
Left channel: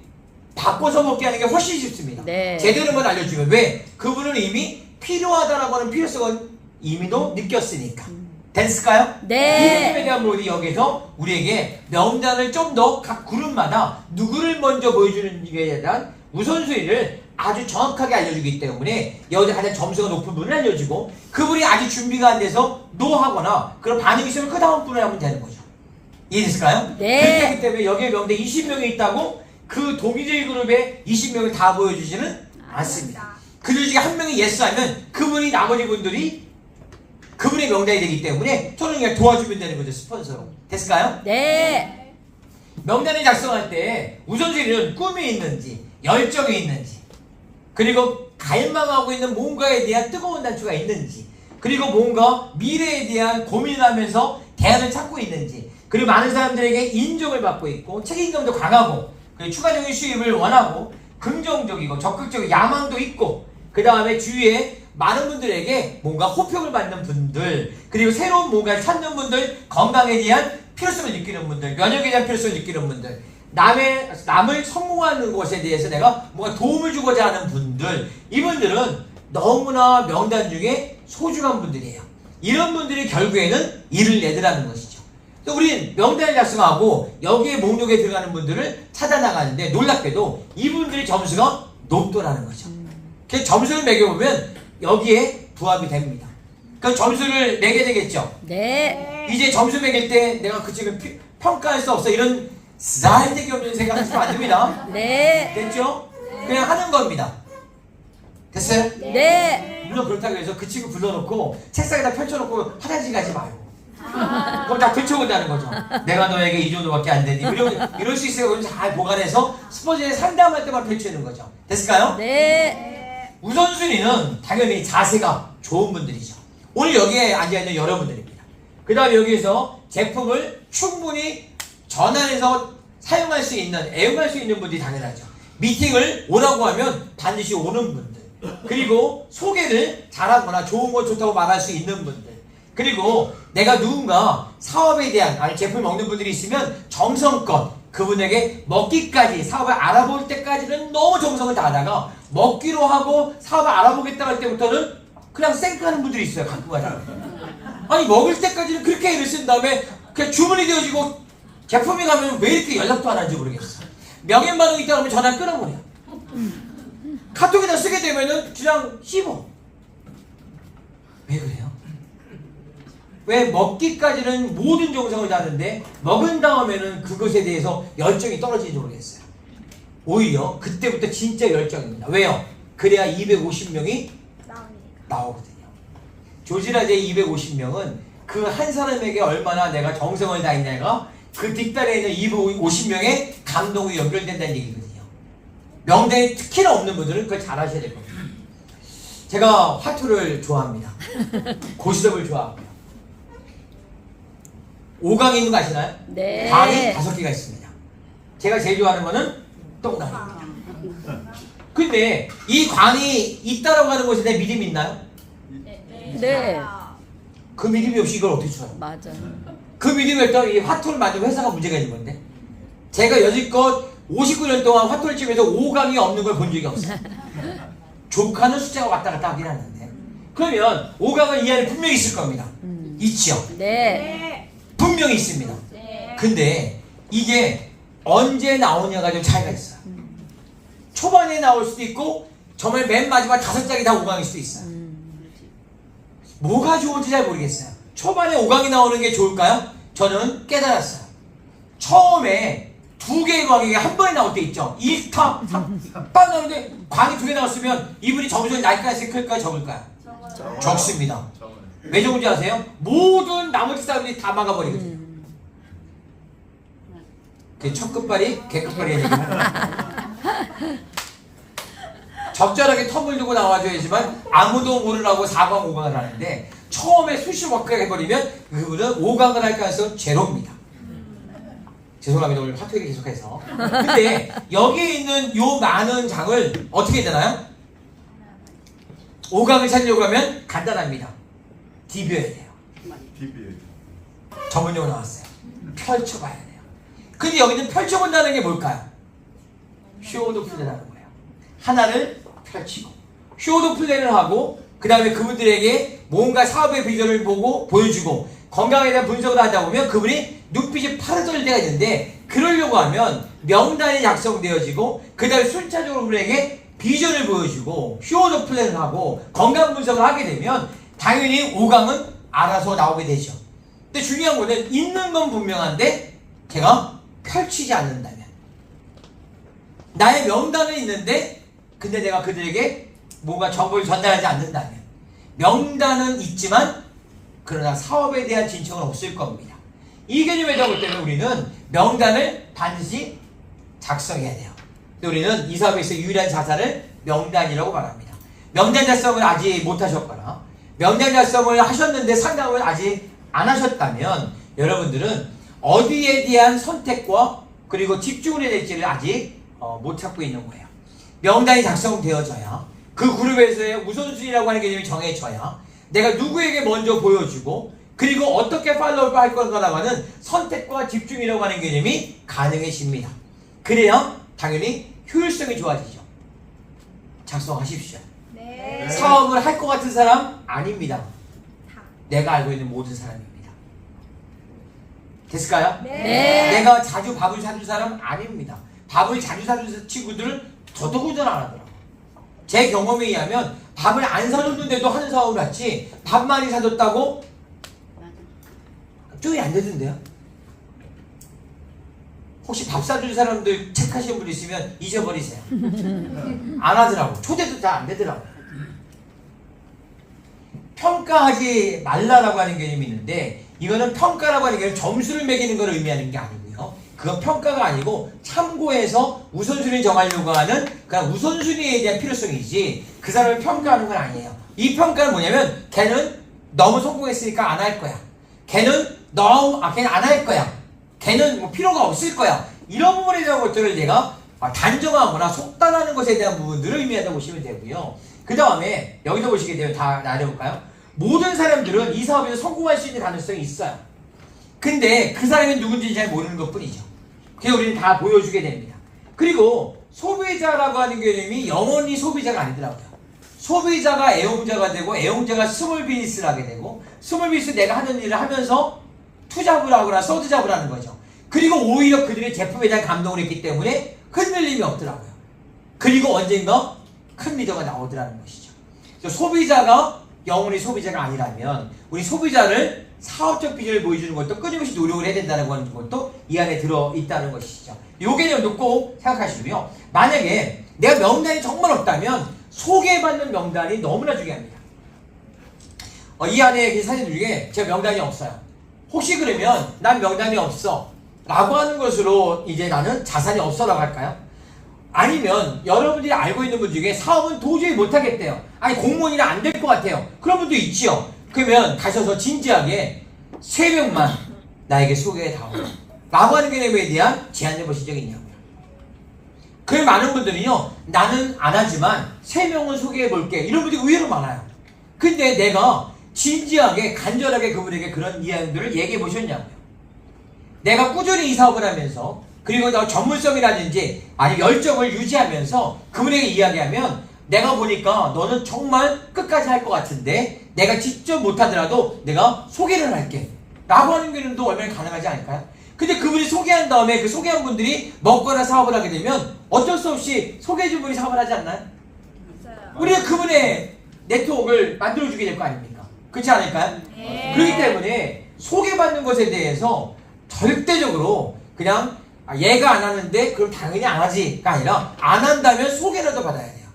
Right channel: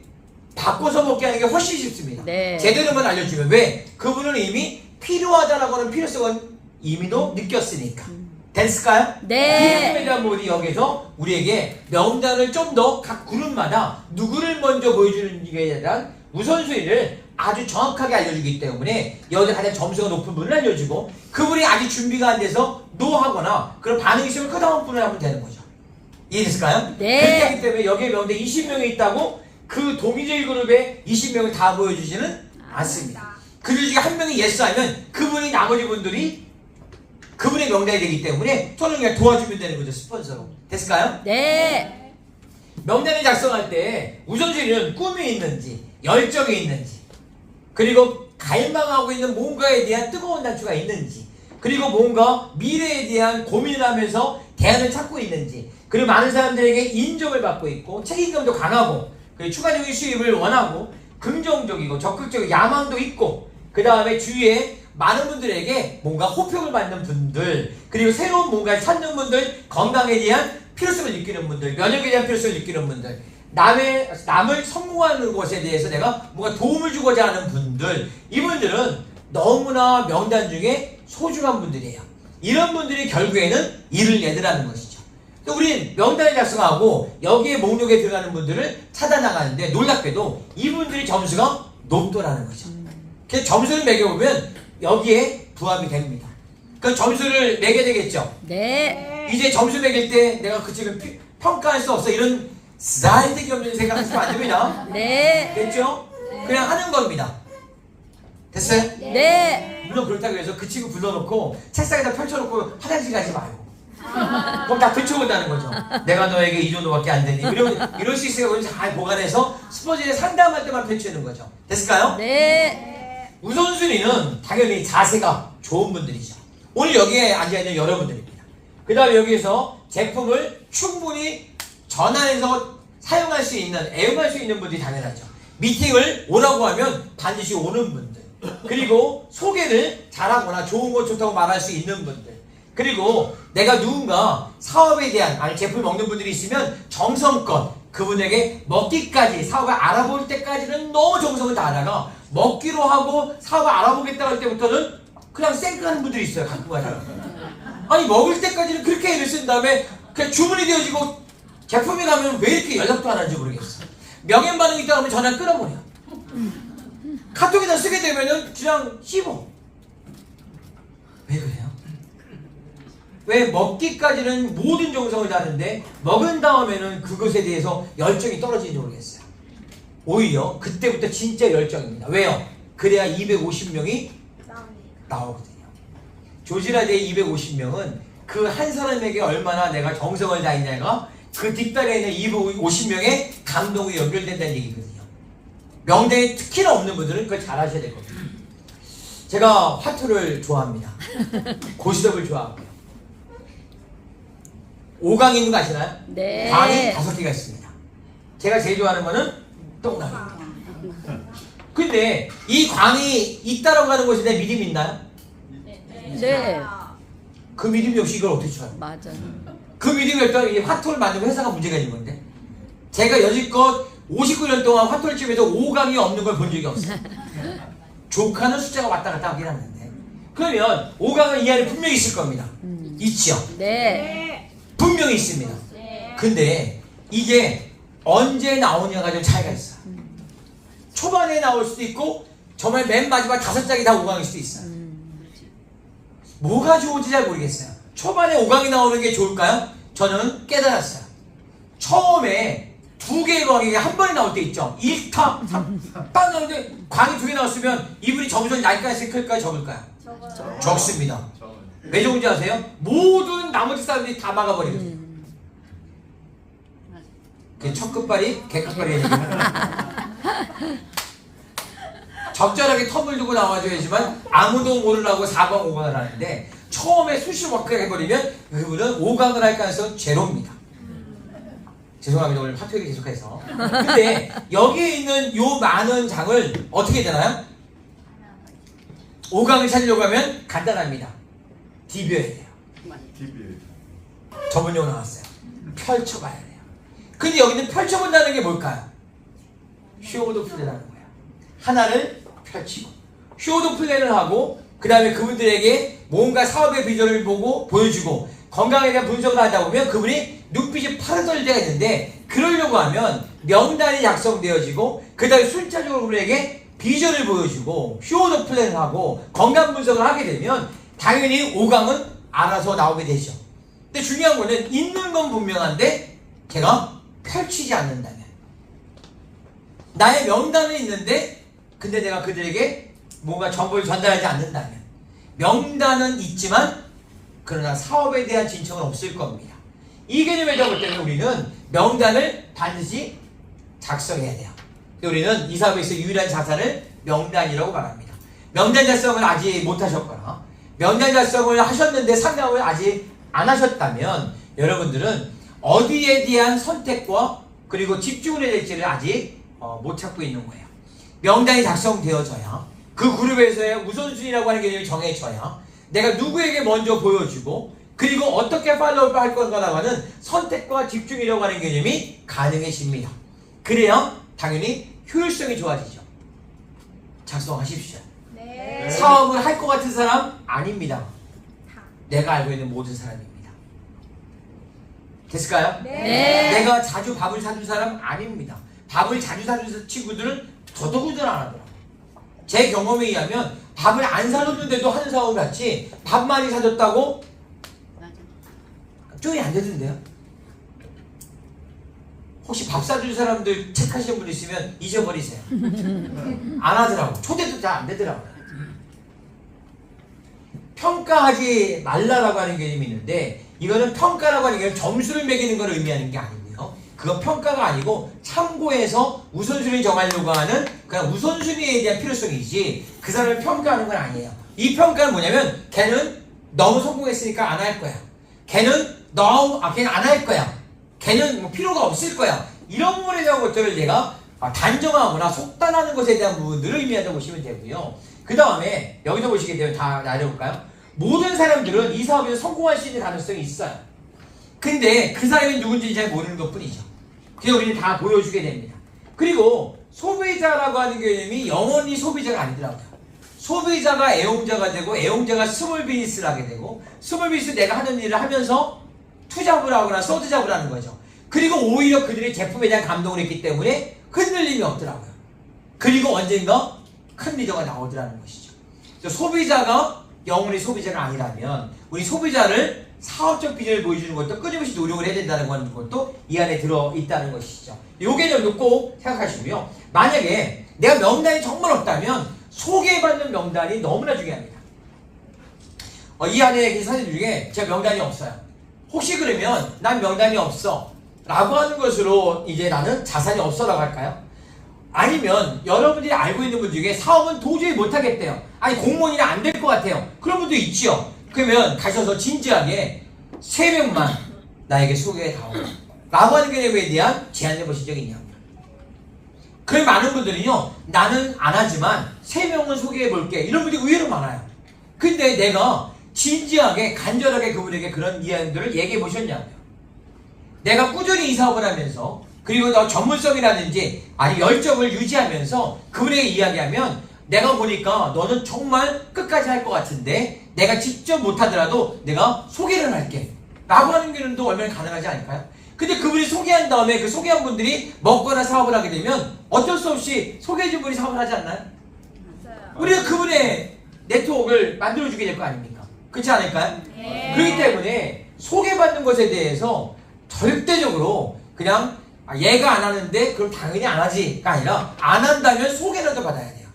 바꿔서 먹게 하는 게 훨씬 쉽습니다. 네. 제대로만 알려주면 왜? 그분은 이미 필요하다라고 하는 필요성은 이미도 느꼈으니까. 됐을까요? 네. 이 부분에 대한 모델이 여기서 우리에게 명단을 좀 더 각 그룹마다 누구를 먼저 보여주는지에 대한 우선순위를 아주 정확하게 알려주기 때문에 여기서 가장 점수가 높은 분을 알려주고 그분이 아직 준비가 안 돼서 노하거나 그런 반응이 있으면 그 다음 분을 하면 되는 거죠. 이해됐을까요? 네. 그렇기 때문에 여기에 명대 20명이 있다고 그 동의제일 그룹에 20명을 다 보여주지는 않습니다. 그 중에 한 명이 예스 하면 그분이 나머지 분들이 그분의 명단이 되기 때문에 저는 그냥 도와주면 되는 거죠. 스폰서로. 됐을까요? 네. 명단을 작성할 때 우선순위는 꿈이 있는지 열정이 있는지 그리고 갈망하고 있는 뭔가에 대한 뜨거운 단추가 있는지 그리고 뭔가 미래에 대한 고민을 하면서 대안을 찾고 있는지 그리고 많은 사람들에게 인정을 받고 있고 책임감도 강하고 그리고 추가적인 수입을 원하고 긍정적이고 적극적이고 야망도 있고 그 다음에 주위에 많은 분들에게 뭔가 호평을 받는 분들 그리고 새로운 뭔가를 찾는 분들 건강에 대한 필요성을 느끼는 분들 면역에 대한 필요성을 느끼는 분들 남을 성공하는 것에 대해서 내가 뭔가 도움을 주고자 하는 분들 이분들은 너무나 명단 중에 소중한 분들이에요. 이런 분들이 결국에는 일을 내더라는 것이죠. 또 우린 명단을 작성하고 여기에 목록에 들어가는 분들을 찾아나가는데 놀랍게도 이분들의 점수가 높더라는 거죠. 그래서 점수를 매겨보면 여기에 부합이 됩니다. 그 점수를 매게 되겠죠. 네. 이제 점수 매길 때 내가 그 지금 평가할 수 없어 이런 쓰잘데기 없는 생각하시면 안 됩니다. 네. 됐죠? 그냥 하는 겁니다. 됐어요? 네. 물론 그렇다고 해서 그 친구 불러놓고 책상에다 펼쳐놓고 화장실 가지 말고 그럼 다 펼쳐본다는 거죠. 내가 너에게 이 정도밖에 안 되니 이럴 수 있어요. 잘 보관해서 스포츠에 상담할 때만 펼치는 거죠. 됐을까요? 네. 우선순위는 당연히 자세가 좋은 분들이죠. 오늘 여기에 앉아있는 여러분들입니다. 그 다음에 여기에서 제품을 충분히 전환해서 사용할 수 있는, 애용할 수 있는 분들이 당연하죠. 미팅을 오라고 하면 반드시 오는 분들. 그리고 소개를 잘하거나 좋은 거 좋다고 말할 수 있는 분들. 그리고 내가 누군가 사업에 대한, 아니 제품을 먹는 분들이 있으면 정성껏 그분에게 먹기까지 사업을 알아볼 때까지는 너무 정성을 다하다가 먹기로 하고 사업을 알아보겠다고 할 때부터는 그냥 쌩까하는 분들이 있어요. 가끔 가다가. 아니 먹을 때까지는 그렇게 애를 쓴 다음에 그냥 주문이 되어지고 제품이 가면 왜 이렇게 연락도 안 하는지 모르겠어. 명예반응이 있다 하면 전화 끊어버려. 카톡에다 쓰게 되면은 그냥 씹어. 왜 그래요? 왜 먹기까지는 모든 정성을 다하는데 먹은 다음에는 그것에 대해서 열정이 떨어지는지 모르겠어요. 오히려 그때부터 진짜 열정입니다. 왜요? 그래야 250명이 나오거든요. 조지라제의 250명은 그 한 사람에게 얼마나 내가 정성을 다했냐가 그 뒷단에 있는 250명의 감동이 연결된다는 얘기거든요. 명단에 특히나 없는 분들은 그걸 잘 하셔야 될 겁니다. 제가 화투를 좋아합니다. 고스톱을 좋아하고요. 5강이 있는 거 아시나요? 네. 강이 5개가 있습니다. 제가 제일 좋아하는 거는 동그라미입니다. 근데 이 광이 있다라고 하는 것에 대한 믿음이 있나요? 네. 그 믿음이 없이 이걸 어떻게 쳐요? 맞아. 그 믿음이 없다면 이 화투를 만든 회사가 문제가 있는 건데 제가 여지껏 59년 동안 화투를 치면서 5강이 없는 걸 본 적이 없어요. 조카는 숫자가 왔다 갔다 하긴 하는데 그러면 5강은 이 안에 분명히 있을 겁니다. 있죠? 네. 분명히 있습니다. 근데 이게 언제 나오냐가 좀 차이가 있어요. 초반에 나올 수도 있고 정말 맨 마지막 5장이 다 5강일 수도 있어요. 뭐가 좋은지 잘 모르겠어요. 초반에 5강이 나오는 게 좋을까요? 저는 깨달았어요. 처음에 2개의 광이 한 번에 나올 때 있죠. 1타, 3타 나오는데 광이 2개 나왔으면 이분이 점수를 날까요? 클까요? 적을까요? 적습니다. 왜 적은지 아세요? 모든 나머지 사람들이 다 막아버리거든요. 첫 끝발이 개끝발이 적절하게 텀을 두고 나와줘야지만 아무도 모르라고 4강 5강을 하는데 처음에 수시로 워크를 해버리면 그분은 5강을 할 가능성은 제로입니다. 죄송합니다. 오늘 파토 얘기 계속해서. 근데 여기에 있는 요 많은 장을 어떻게 해야 되나요? 5강을 찾으려고 하면 간단합니다. 디벼야 돼요. 전문용어 나왔어요. 펼쳐봐야 돼요. 근데 여기는 펼쳐본다는 게 뭘까요? 쇼도 플레이라는 거예요. 하나를 펼치고 쇼도 플레이를 하고 그 다음에 그분들에게 뭔가 사업의 비전을 보고 보여주고 건강에 대한 분석을 하다 보면 그분이 눈빛이 파르들 돼야 되는데 그러려고 하면 명단이 작성되어지고 그 다음에 순차적으로 그분에게 비전을 보여주고 쇼도 플레이를 하고 건강 분석을 하게 되면 당연히 5강은 알아서 나오게 되죠. 근데 중요한 거는 있는 건 분명한데 걔가 펼치지 않는다면 나의 명단은 있는데 근데 내가 그들에게 뭔가 정보를 전달하지 않는다면 명단은 있지만 그러나 사업에 대한 진척은 없을 겁니다. 이 개념에 잡을 때는 우리는 명단을 반드시 작성해야 돼요. 우리는 이 사업에서 유일한 자산을 명단이라고 말합니다. 명단 작성을 아직 못하셨거나 명단 작성을 하셨는데 상담을 아직 안 하셨다면 여러분들은 어디에 대한 선택과 그리고 집중을 해야 될지를 아직 못 찾고 있는 거예요. 명단이 작성되어져야 그 그룹에서의 우선순위라고 하는 개념이 정해져야 내가 누구에게 먼저 보여주고 그리고 어떻게 팔로우를 할 건가라고 하는 선택과 집중이라고 하는 개념이 가능해집니다. 그래야 당연히 효율성이 좋아지죠. 작성하십시오. 네. 사업을 할 것 같은 사람 아닙니다. 내가 알고 있는 모든 사람입니다. 됐을까요? 네. 내가 자주 밥을 사준 사람 아닙니다. 밥을 자주 사준 친구들은 더더군다나 안 하더라고요. 제 경험에 의하면 밥을 안 사줬는데도 하는 사업을 같이 밥 많이 사줬다고 쪽이 안 되던데요? 혹시 밥 사준 사람들 체크하시는 분 있으면 잊어버리세요. 안 하더라고. 초대도 다 안 되더라고요. 평가하지 말라라고 하는 개념이 있는데 이거는 평가라고 하는 게 점수를 매기는 걸 의미하는 게 아니고요. 그건 평가가 아니고 참고해서 우선순위 정하려고 하는 그냥 우선순위에 대한 필요성이지 그 사람을 평가하는 건 아니에요. 이 평가는 뭐냐면 걔는 너무 성공했으니까 안 할 거야. 걔는 걔는 안 할 거야. 걔는 뭐 필요가 없을 거야. 이런 부분에 대한 것들을 내가 단정하거나 속단하는 것에 대한 부분들을 의미한다고 보시면 되고요. 그 다음에 여기서 보시게 되면 다 나눠볼까요? 모든 사람들은 이 사업에서 성공할 수 있는 가능성이 있어요. 근데 그 사람이 누군지 잘 모르는 것 뿐이죠. 그래서 우리는 다 보여주게 됩니다. 그리고 소비자라고 하는 개념이 영원히 소비자가 아니더라고요. 소비자가 애용자가 되고 애용자가 스몰 비즈니스를 하게 되고 스몰 비즈니스 내가 하는 일을 하면서 투잡을 하거나 서드잡을 하는 거죠. 그리고 오히려 그들의 제품에 대한 감동을 했기 때문에 흔들림이 없더라고요. 그리고 언젠가 큰 리더가 나오더라는 것이죠. 소비자가 영원히 소비자가 아니라면 우리 소비자를 사업적 비전을 보여주는 것도 끊임없이 노력을 해야 된다는 것도 이 안에 들어있다는 것이죠. 이 개념도 꼭 생각하시고요. 만약에 내가 명단이 정말 없다면 소개받는 명단이 너무나 중요합니다. 이 안에 계신 사진 중에 제가 명단이 없어요. 혹시 그러면 난 명단이 없어 라고 하는 것으로 이제 나는 자산이 없어 나갈까요? 아니면 여러분들이 알고 있는 분 중에 사업은 도저히 못하겠대요. 아니 공무원이라 안 될 것 같아요. 그런 분도 있지요. 그러면 가셔서 진지하게 3명만 나에게 소개해 다오 라고 하는 개념에 대한 제안해 보신 적이 있냐고요. 그 많은 분들은요, 나는 안 하지만 3명은 소개해 볼게 이런 분들이 의외로 많아요. 근데 내가 진지하게 간절하게 그분에게 그런 이야기들을 얘기해 보셨냐고요. 내가 꾸준히 이 사업을 하면서 그리고 너 전문성이라든지 아니 열정을 유지하면서 그분에게 이야기하면 내가 보니까 너는 정말 끝까지 할 것 같은데 내가 직접 못하더라도 내가 소개를 할게 라고 하는 개념도 얼마나 가능하지 않을까요? 근데 그분이 소개한 다음에 그 소개한 분들이 먹거나 사업을 하게 되면 어쩔 수 없이 소개해준 분이 사업을 하지 않나요? 맞아요. 우리가 그분의 네트워크를 만들어주게 될 거 아닙니까? 그렇지 않을까요? 네. 그렇기 때문에 소개받는 것에 대해서 절대적으로 그냥 얘가 안 하는데 그럼 당연히 안 하지가 아니라 안 한다면 소개라도 받아야 돼요.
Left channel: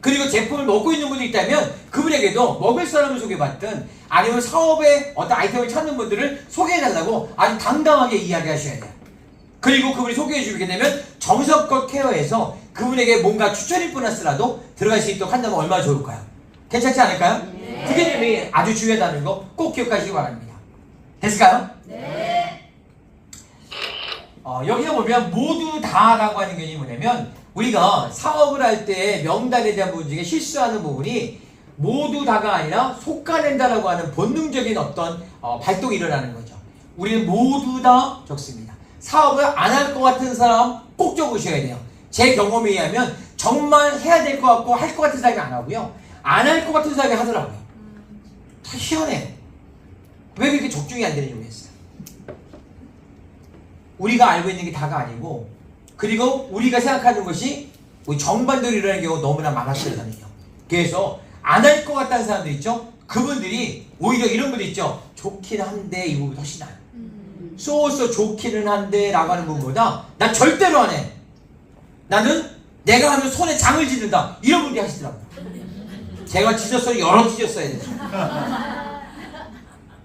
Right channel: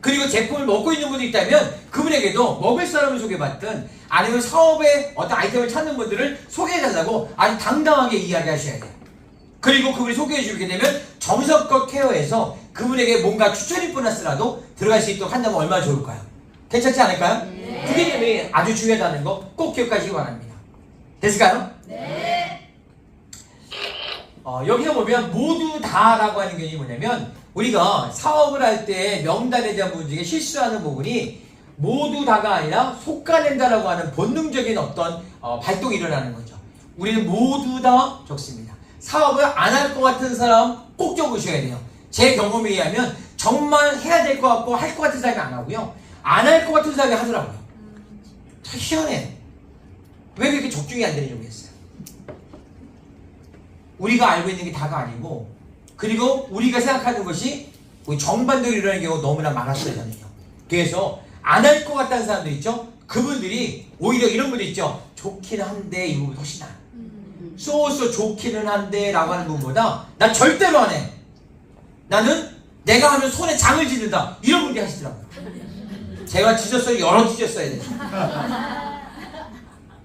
그리고 제품을 먹고 있는 분이 있다면 그분에게도 먹을 사람을 소개받든 아니면 사업에 어떤 아이템을 찾는 분들을 소개해달라고 아주 당당하게 이야기하셔야 돼요. 그리고 그분이 소개해주게 되면 정성껏 케어해서 그분에게 뭔가 추천이 보너스라도 들어갈 수 있도록 한다면 얼마나 좋을까요? 괜찮지 않을까요? 네. 그 개념이 아주 중요하다는 거 꼭 기억하시기 바랍니다. 됐을까요? 네. 여기서 보면 모두 다라고 하는 개념이 뭐냐면 우리가 사업을 할 때 명단에 대한 부분 중에 실수하는 부분이 모두 다가 아니라 속가낸다라고 하는 본능적인 어떤 발동이 일어나는 거죠. 우리는 모두 다 적습니다. 사업을 안 할 것 같은 사람 꼭 적으셔야 돼요. 제 경험에 의하면 정말 해야 될 것 같고 할 것 같은 사람이 안 하고요. 안 할 것 같은 사람이 하더라고요. 참 희한해. 왜 그렇게 적중이 안 되는지 모르겠어요. 우리가 알고 있는 게 다가 아니고 그리고 우리가 생각하는 것이 정반대로 일어나는 경우가 너무나 많았어요. 저는요. 그래서 안 할 것 같다는 사람들 있죠? 그분들이 오히려 이런 분들 있죠? 좋긴 한데 이 부분이 훨씬 나아요. 쏘쏘 좋기는 한데 라고 하는 부분보다 난 절대로 안 해. 나는 내가 하면 손에 장을 짓는다. 이런 분들이 하시더라고요. 제가 찢었어요. 여러 찢었어야 돼요.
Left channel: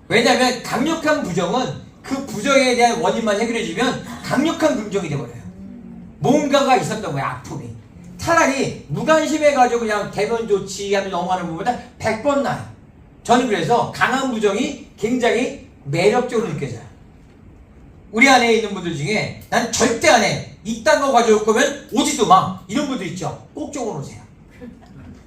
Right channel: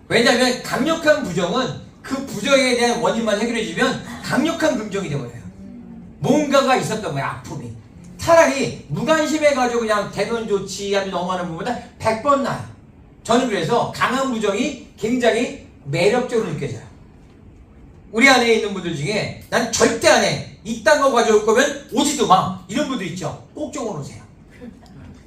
왜냐하면 강력한 부정은 그 부정에 대한 원인만 해결해주면 강력한 긍정이 되버려요. 뭔가가 있었던 거예요. 아픔이. 차라리 무관심해가지고 그냥 되면 좋지 하면 넘어가는 것보다 100번 나아요. 저는 그래서 강한 부정이 굉장히 매력적으로 느껴져요. 우리 안에 있는 분들 중에 난 절대 안 해. 이딴 거 가져올 거면 오지도 마. 이런 분들 있죠? 꼭 적어놓으세요.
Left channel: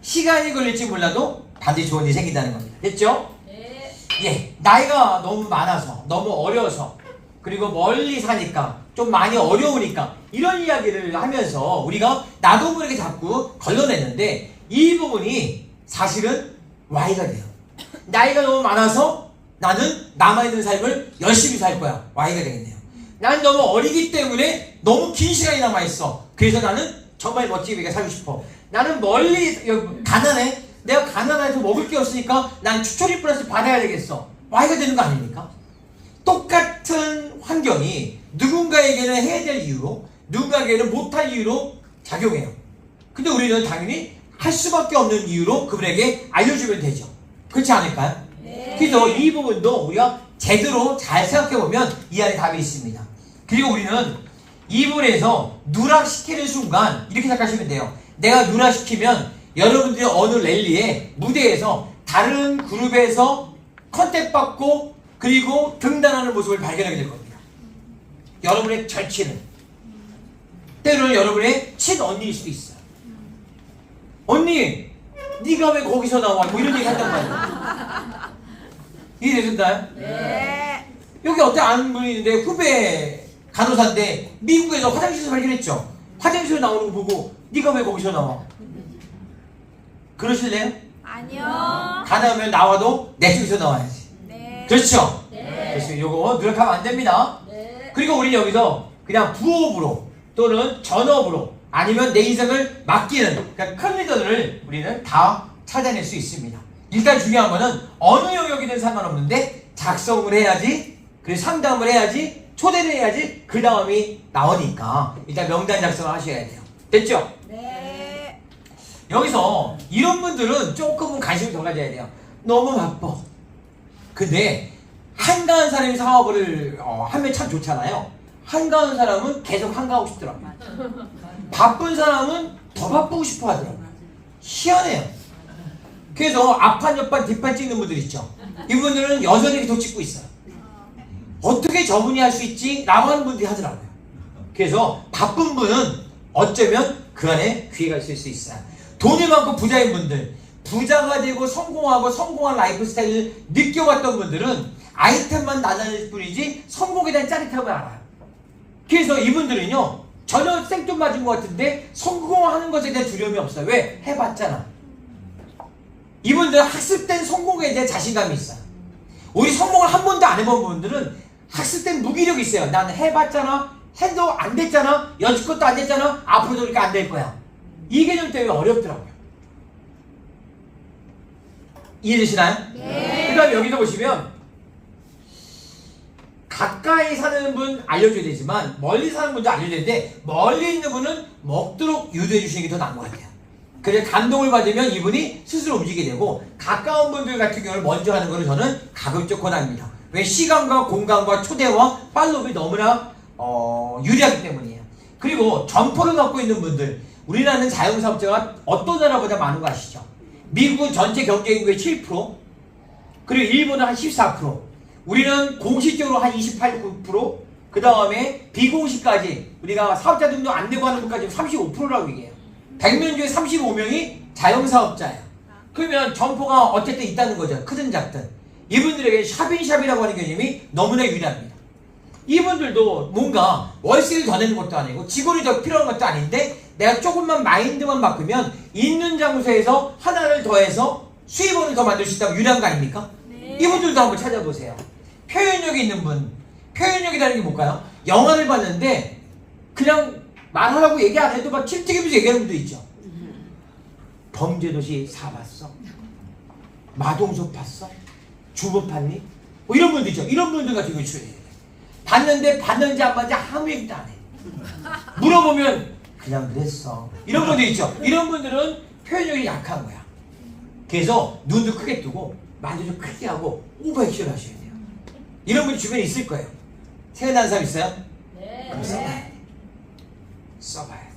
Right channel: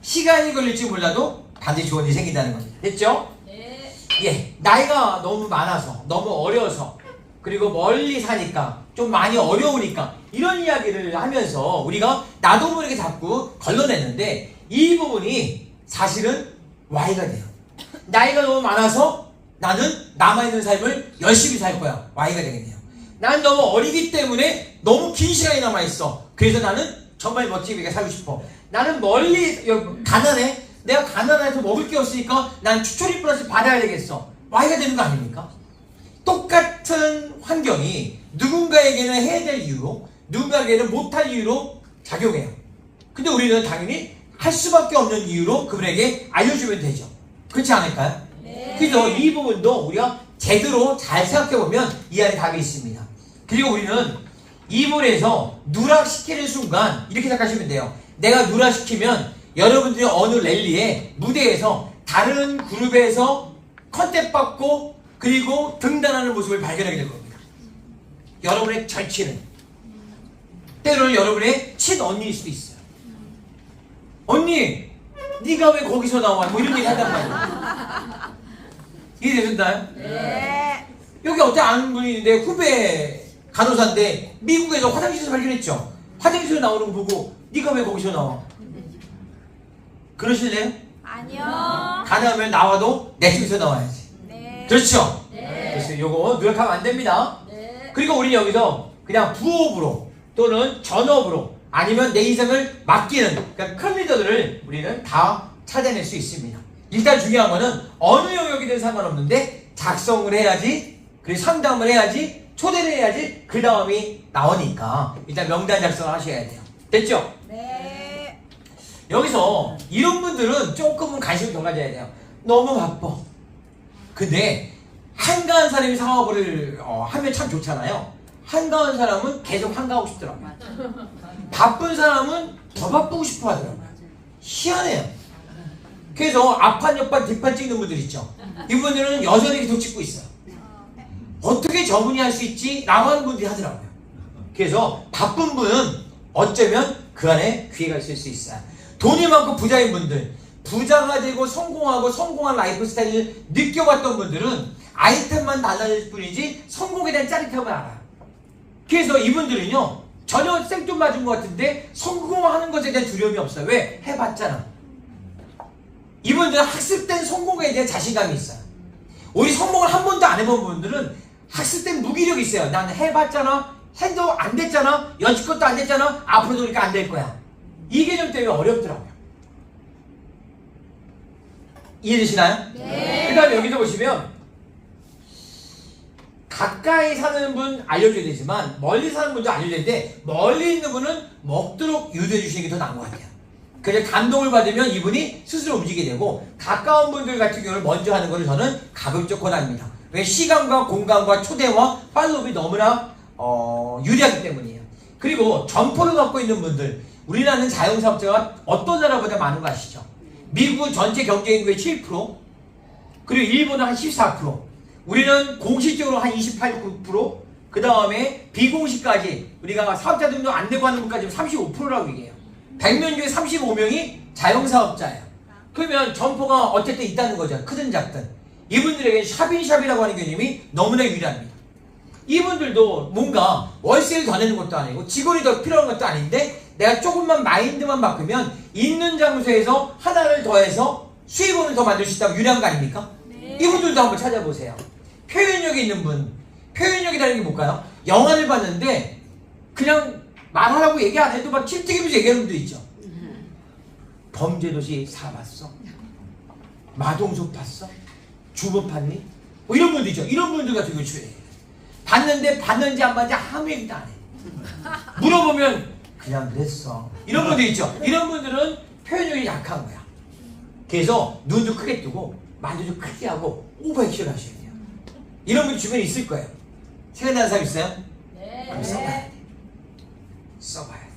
시간이 걸릴지 몰라도 반드시 좋은 일이 생긴다는 겁니다. 됐죠? 네. 예, 나이가 너무 많아서 너무 어려서 그리고 멀리 사니까 좀 많이 어려우니까 이런 이야기를 하면서 우리가 나도 모르게 자꾸 걸러냈는데 이 부분이 사실은 Y가 돼요. 나이가 너무 많아서 나는 남아있는 삶을 열심히 살 거야. Y가 되겠네요. 나는 너무 어리기 때문에 너무 긴 시간이 남아있어. 그래서 나는 정말 멋지게 살고 싶어. 나는 멀리 가난해. 내가 가난해서 먹을 게 없으니까 난 추천이 플러스 받아야 되겠어. Y가 되는 거 아닙니까? 똑같은 환경이 누군가에게는 해야 될 이유로 누군가에게는 못할 이유로 작용해요. 근데 우리는 당연히 할 수밖에 없는 이유로 그분에게 알려주면 되죠. 그렇지 않을까요? 네. 그래서 이 부분도 우리가 제대로 잘 생각해보면 이 안에 답이 있습니다. 그리고 우리는 이 부분에서 누락시키는 순간 이렇게 생각하시면 돼요. 내가 누락시키면 여러분들이 어느 랠리에 무대에서 다른 그룹에서 컨택 받고 그리고 등단하는 모습을 발견하게 될 겁니다. 여러분의 절친은 때로는 여러분의 친언니일 수도 있어요. 언니 네가 왜 거기서 나와? 뭐 이런 얘기 한단 말이에요. 이해되셨나요? 네. 여기 어떤 아는 분이 있는데 후배 간호사인데 미국에서 화장실에서 발견했죠. 화장실에 나오는 거 보고 네가 왜 거기서 나와? 그러실래요? 아니요. 가능하면 나와도 내 쪽에서 나와야지. 네. 그렇죠? 네. 그래서 요거 노력하면 안 됩니다. 네. 그리고 우리 여기서 그냥 부업으로 또는 전업으로 아니면 내 인생을 맡기는 그러니까 큰 리더들을 우리는 다 찾아낼 수 있습니다. 일단 중요한 거는 어느 영역이든 상관없는데 작성을 해야지, 그리고 상담을 해야지, 초대를 해야지 그 다음이 나오니까 일단 명단 작성을 하셔야 돼요. 됐죠? 네. 여기서 이런 분들은 조금은 관심을 더 가져야 돼요. 너무 바빠. 근데 한가한 사람이 사업을 하면 참 좋잖아요. 한가한 사람은 계속 한가하고 싶더라고요. 바쁜 사람은 더 바쁘고 싶어 하더라고요. 희한해요. 그래서 앞판, 옆판, 뒷판 찍는 분들 있죠. 이분들은 여전히 계속 찍고 있어요. 어떻게 저분이 할 수 있지? 라고 하는 분들이 하더라고요. 그래서 바쁜 분은 어쩌면 그 안에 기회가 있을 수 있어요. 돈이 많고 부자인 분들, 부자가 되고 성공하고 성공한 라이프 스타일을 느껴봤던 분들은 아이템만 나눠질 뿐이지 성공에 대한 짜릿함을 알아요. 그래서 이분들은요 전혀 생돈 맞은 것 같은데 성공하는 것에 대한 두려움이 없어요. 왜? 해봤잖아. 이분들은 학습된 성공에 대한 자신감이 있어요. 우리 성공을 한 번도 안 해본 분들은 학습된 무기력이 있어요. 나는 해봤잖아, 해도 안 됐잖아, 여지껏도 안 됐잖아, 앞으로도 그러니까 안 될 거야. 이 개념 때문에 어렵더라고요. 이해되시나요? 네. 그 다음에 여기서 보시면 가까이 사는 분 알려줘야 되지만 멀리 사는 분도 알려줘야 되는데 멀리 있는 분은 먹도록 유도해 주시는 게 더 나은 것 같아요. 그래서 감동을 받으면 이분이 스스로 움직이게 되고 가까운 분들 같은 경우는 먼저 하는 것을 저는 가급적 권합니다. 왜? 시간과 공간과 초대와 팔로우가 너무나 유리하기 때문이에요. 그리고 점포를 갖고 있는 분들, 우리나라는 자영사업자가 어떤 나라보다 많은 거 아시죠? 미국은 전체 경제인구의 7%, 그리고 일본은 한 14%, 우리는 공식적으로 한 28%, 그 다음에 비공식까지 우리가 사업자들도 안 되고 하는 분까지 35%라고 얘기해요. 100명 중에 35명이 자영사업자예요. 그러면 점포가 어쨌든 있다는 거죠. 크든 작든. 이분들에게 샵인샵이라고 하는 개념이 너무나 유리합니다. 이분들도 뭔가 월세를 더 내는 것도 아니고 직원이 더 필요한 것도 아닌데 내가 조금만 마인드만 바꾸면 있는 장소에서 하나를 더해서 수입원을 더 만들 수 있다고 유리한 거 아닙니까? 네. 이분들도 한번 찾아보세요. 표현력이 있는 분, 표현력이라는 게 뭘까요? 영화를 봤는데 그냥 말하라고 얘기 안 해도 막 칠튀기면서 얘기하는 분도 있죠. 범죄도시 4 봤어? 마동석 봤어? 주부 봤니? 뭐 이런 분들 있죠. 이런 분들 같은 경우 출연해요. 봤는데 봤는지 안 봤는지 아무 얘기도 안 해. 물어보면 그냥 그랬어. 이런 분들 있죠. 이런 분들은 표현력이 약한 거야. 그래서 눈도 크게 뜨고 말도 좀 크게 하고 오버액션 하셔야 돼요. 이런 분이 주변에 있을 거예요. 생각나는 사람 있어요? 네. 그럼 써봐야 돼. 써봐야 돼.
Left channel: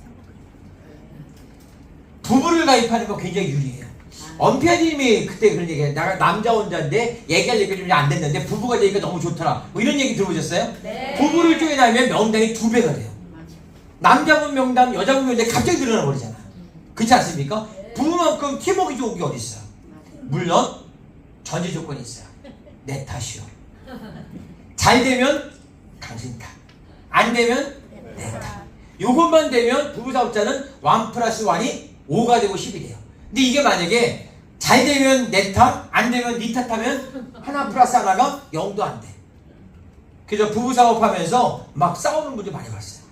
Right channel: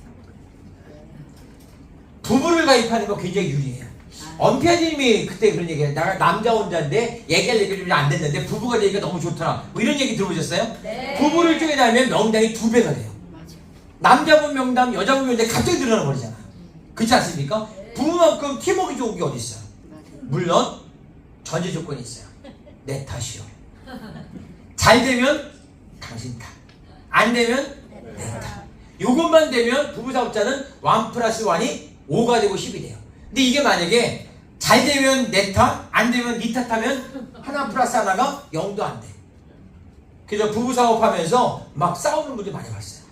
부부를 가입하는 거 굉장히 유리해요. 엄피아님이 그때 그런 얘기해요. 내가 남자 혼자인데 얘기할 얘기 좀 안 됐는데 부부가 되니까 너무 좋더라. 뭐 이런 얘기 들어보셨어요? 네. 부부를 쪼개나면 명당이 2배가 돼요. 남자분 명당, 여자분 명당 갑자기 늘어나 버리잖아요. 그렇지 않습니까? 부부만큼 팀워크 좋은 게 어디 있어요? 물론 전제 조건이 있어요. 내 탓이요. 잘 되면 당신 탓. 안 되면 내 탓. 요것만 되면 부부 사업자는 1 + 1이 5가 되고 10이 돼요. 근데 이게 만약에 잘 되면 내 탓, 안 되면 네 탓하면 1 + 1가 0도 안 돼. 그래서 부부 사업하면서 막 싸우는 분들 많이 봤어요.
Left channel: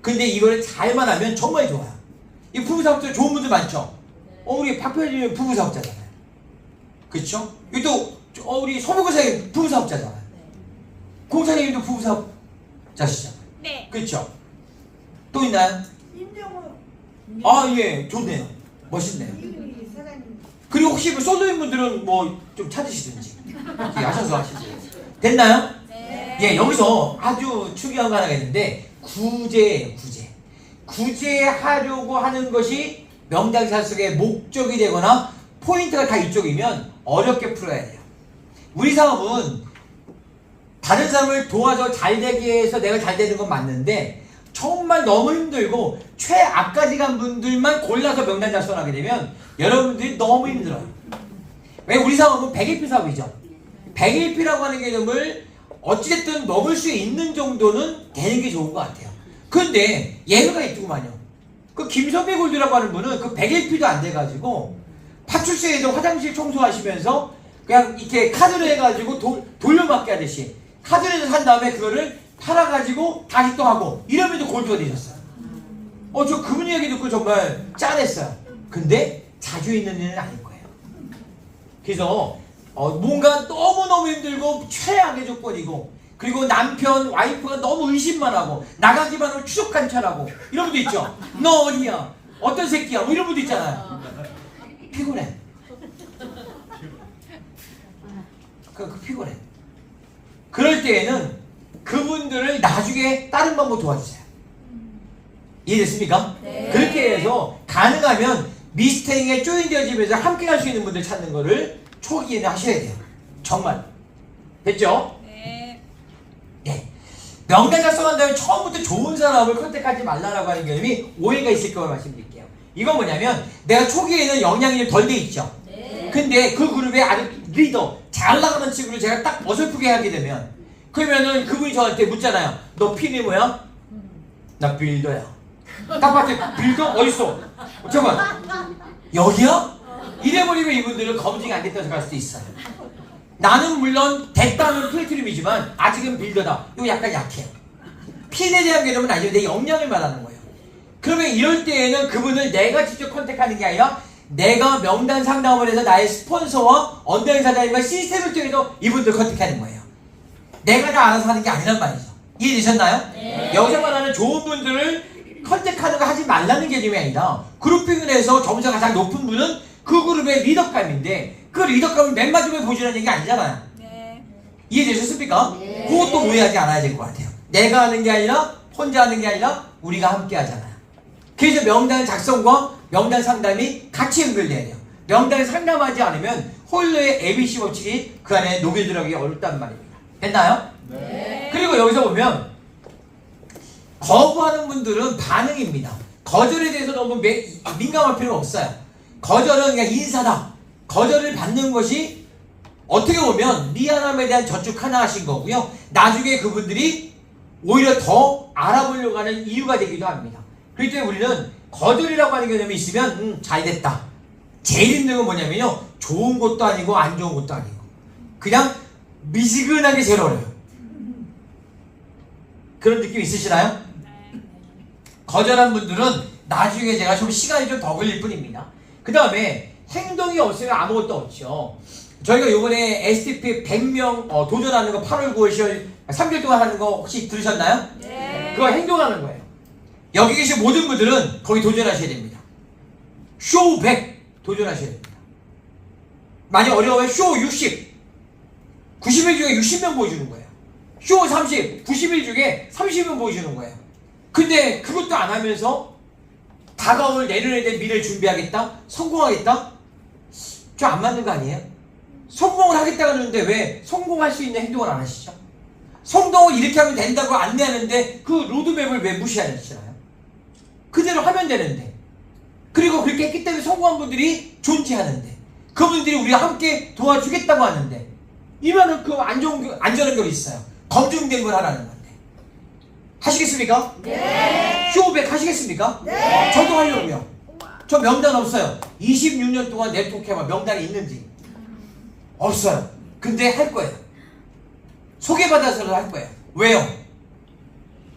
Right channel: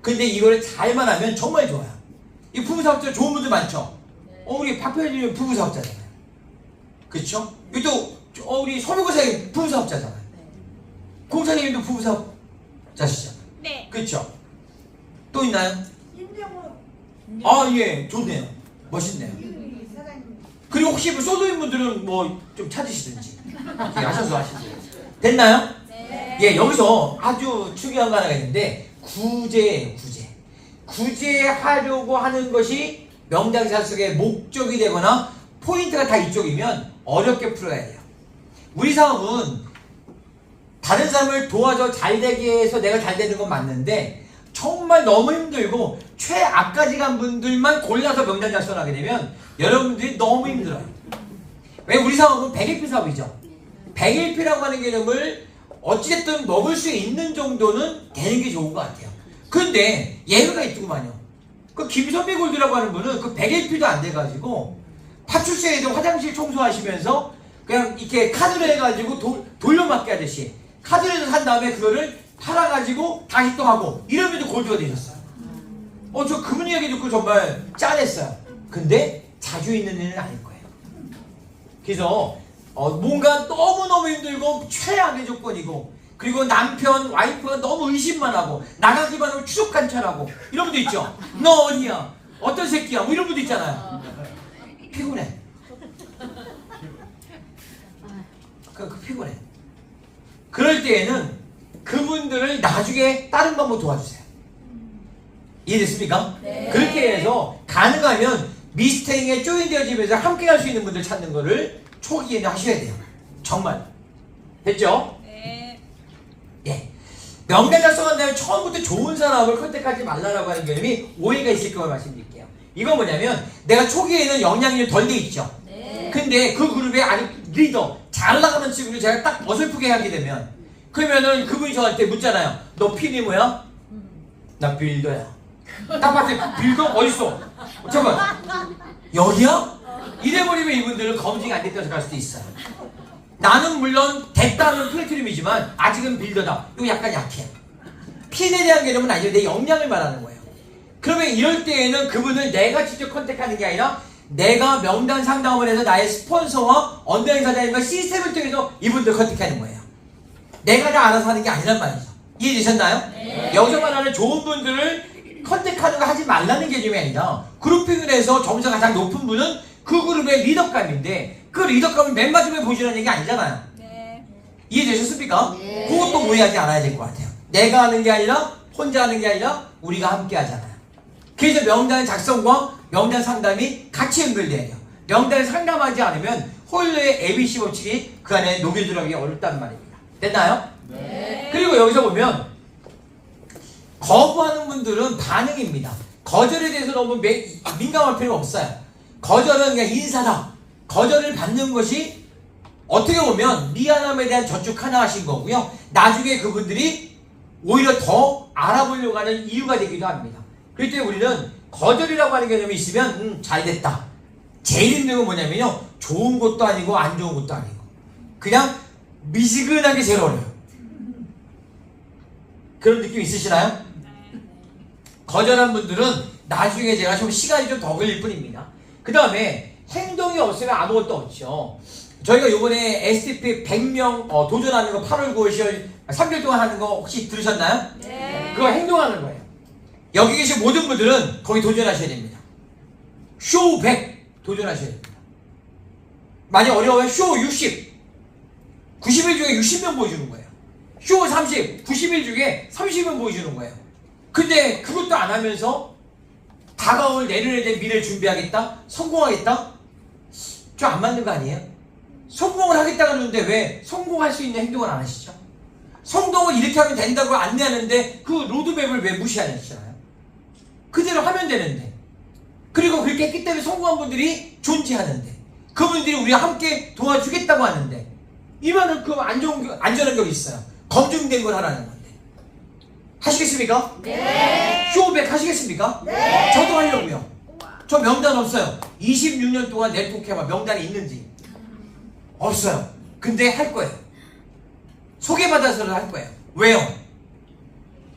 근데 이거를 잘만 하면 정말 좋아요. 이 부부 사업자 좋은 분들 많죠? 우리 박표님은 부부 사업자잖아요. 그렇죠? 또 우리 서무고사님 부부 사업자잖아요. 공사님도 부부 사업자시죠? 네. 그렇죠? 또 있나요? 임정우 예, 좋네요. 멋있네요. 그리고 혹시 솔로인 분들은 뭐 좀 찾으시든지 하셔서 하시세요. 됐나요? 네. 예, 여기서 아주 중요한 거 하나가 있는데 구제예요. 구제하려고 하는 것이 명당사 속의 목적이 되거나 포인트가 다 이쪽이면 어렵게 풀어야 돼요. 우리 사업은 다른 사람을 도와줘 잘 되기 위해서 내가 잘 되는 건 맞는데 정말 너무 힘들고 최악까지 간 분들만 골라서 명단 작성하게 되면 여러분들이 너무 힘들어요. 왜? 우리 사업은 100일피 사업이죠. 100일피라고 하는 개념을 어찌됐든 먹을 수 있는 정도는 되는 게 좋은 것 같아요. 근데 예외가 있더구만요. 그 김선배 골드라고 하는 분은 그 100일피도 안 돼가지고 파출소에서 화장실 청소하시면서 그냥 이렇게 카드를 해가지고 돌려막기 하듯이 카드를 산 다음에 그거를 팔아가지고 다시 또 하고 이러면서 골드가 되셨어요. 저 그분 이야기 듣고 정말 짠했어요. 근데 자주 있는 일은 아닐 거예요. 그래서 뭔가 너무너무 힘들고 최악의 조건이고, 그리고 남편, 와이프가 너무 의심만 하고 나가기만 하면 추적 관찰하고 이런 분도 있죠. 너 어디야? 어떤 새끼야? 뭐 이런 분도 있잖아요. 피곤해. 그 피곤해. 그럴 때에는 그분들을 나중에 다른 방법 도와주세요. 이해됐습니까? 네. 그렇게 해서 가능하면 미스테이크에 조인되어지면서 함께 할 수 있는 분들 찾는 거를 초기에는 하셔야 돼요. 정말. 됐죠? 네. 네. 명단 작성한 다음에 처음부터 좋은 사람을 컨택하지 말라라고 하는 개념이 오해가 있을 거라 말씀드릴게요. 이건 뭐냐면 내가 초기에는 영향력이 덜 돼 있죠. 근데 그 그룹의 아주 리더, 잘 나가는 친구를 제가 딱 어설프게 하게 되면, 그러면은 그분이 저한테 묻잖아요. 너 필이 뭐야? 나 빌더야. 딱 봤을 때 빌더 어딨어? 잠깐만, 여기야? 이래버리면 이분들은 검증이 안 됐다고 생각할 수도 있어요. 나는 물론 됐다는 플래티넘이지만 아직은 빌더다. 이거 약간 약해. 핀에 대한 개념은 아니고 내 역량을 말하는 거예요. 그러면 이럴 때에는 그분을 내가 직접 컨택하는 게 아니라 내가 명단 상담을 해서 나의 스폰서와 언더행 사장님과 시스템을 통해서 이분들 컨택하는 거예요. 내가 다 알아서 하는 게 아니란 말이죠. 이해되셨나요? 네. 여기서 말하는 좋은 분들을 컨택하는 거 하지 말라는 개념이 아니라, 그룹핑을 해서 점수가 가장 높은 분은 그 그룹의 리더감인데 그 리더감을 맨 마지막에 보시라는 얘기 아니잖아요. 네. 이해되셨습니까? 그것도 오해하지 않아야 될 것 같아요. 내가 하는 게 아니라 혼자 하는 게 아니라 우리가 함께 하잖아요. 그래서 명단 작성과 명단 상담이 같이 연결돼야 돼요. 명단을 상담하지 않으면 홀로의 ABC 법칙이 그 안에 녹여 들어가기 어렵단 말입니다. 됐나요? 네. 그리고 여기서 보면 거부하는 분들은 반응입니다. 거절에 대해서 너무 민감할 필요가 없어요. 거절은 그냥 인사다. 거절을 받는 것이 어떻게 보면 미안함에 대한 저축 하나 하신 거고요. 나중에 그분들이 오히려 더 알아보려고 하는 이유가 되기도 합니다. 그렇기 때문에 우리는 거절이라고 하는 개념이 있으면 잘됐다. 제일 힘든 건 뭐냐면요, 좋은 것도 아니고 안 좋은 것도 아니고 그냥 미지근하게 제일 어려워요. 그런 느낌 있으시나요? 거절한 분들은 나중에 제가 좀 시간이 좀 더 걸릴 뿐입니다. 그 다음에 행동이 없으면 아무것도 없죠. 저희가 이번에 STP 100명 도전하는 거 8월 9월 10월 3개월 동안 하는 거 혹시 들으셨나요? 네. 그거 행동하는 거예요. 여기 계신 모든 분들은 거기 도전하셔야 됩니다. 쇼 100 도전하셔야 됩니다. 만약 어려워요, 쇼 60 90일 중에 60명 보여주는 거예요. 쇼 30 90일 중에 30명 보여주는 거예요. 근데 그것도 안 하면서 다가올 내년에 대한 미래를 준비하겠다? 성공하겠다? 좀 안 맞는 거 아니에요? 성공을 하겠다고 하는데 왜 성공할 수 있는 행동을 안 하시죠? 성공을 이렇게 하면 된다고 안내하는데 그 로드맵을 왜 무시하시잖아요? 그대로 하면 되는데. 그리고 그렇게 했기 때문에 성공한 분들이 존재하는데, 그분들이 우리와 함께 도와주겠다고 하는데, 이만한 그 안전한 걸 있어요. 검증된 걸 하라는 건데. 하시겠습니까? 네. 쇼백 하시겠습니까? 네. 저도 하려고요. 저 명단 없어요. 26년 동안 네트워크해봐 명단이 있는지 없어요. 근데 할 거예요. 소개받아서도 할 거예요. 왜요?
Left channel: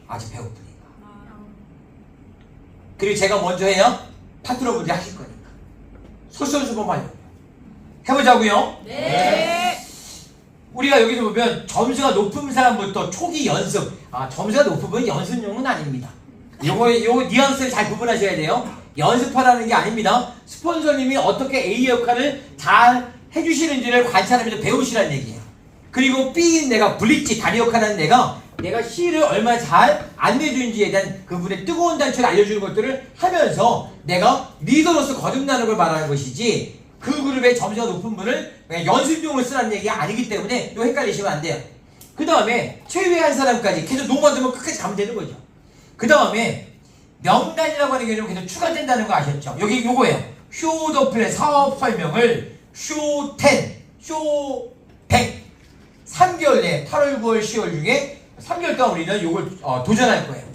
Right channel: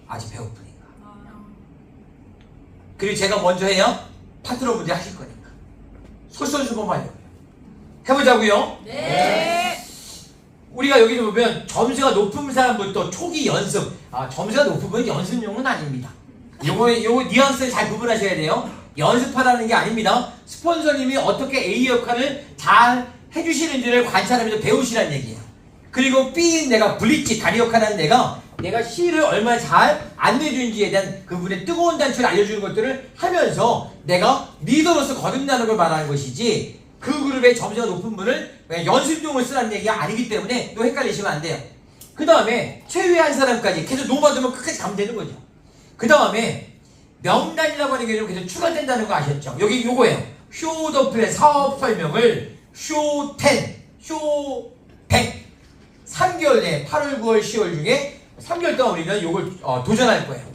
아직 배고프니까. 그리고 제가 먼저 해요. 파트너분들이 하실 거니까. 솔선수범하려고 해보자고요. 네. 우리가 여기 보면 점수가 높은 사람부터 초기 연습. 점수가 높으면 연습용은 아닙니다. 요 뉘앙스를 잘 구분하셔야 돼요. 연습하라는 게 아닙니다. 스폰서님이 어떻게 A 역할을 잘 해주시는지를 관찰하면서 배우시라는 얘기예요. 그리고 B인 내가 블리치 다리 역할하는 내가 C를 얼마나 잘 안내주는지에 대한 그분의 뜨거운 단추를 알려주는 것들을 하면서 내가 리더로서 거듭나는 걸 말하는 것이지, 그 그룹의 점수가 높은 분을 연습용을 쓰라는 얘기가 아니기 때문에 또 헷갈리시면 안 돼요. 그 다음에 최후의 사람까지 계속 노받으면 끝까지 가면 되는 거죠. 그 다음에 명단이라고 하는 개념이 계속 추가된다는 거 아셨죠? 여기 요거예요. 쇼 더 플랜 사업 설명을 쇼 10, 쇼 100 3개월 내에 8월, 9월, 10월 중에 3개월 동안 우리는 요걸 도전할 거예요.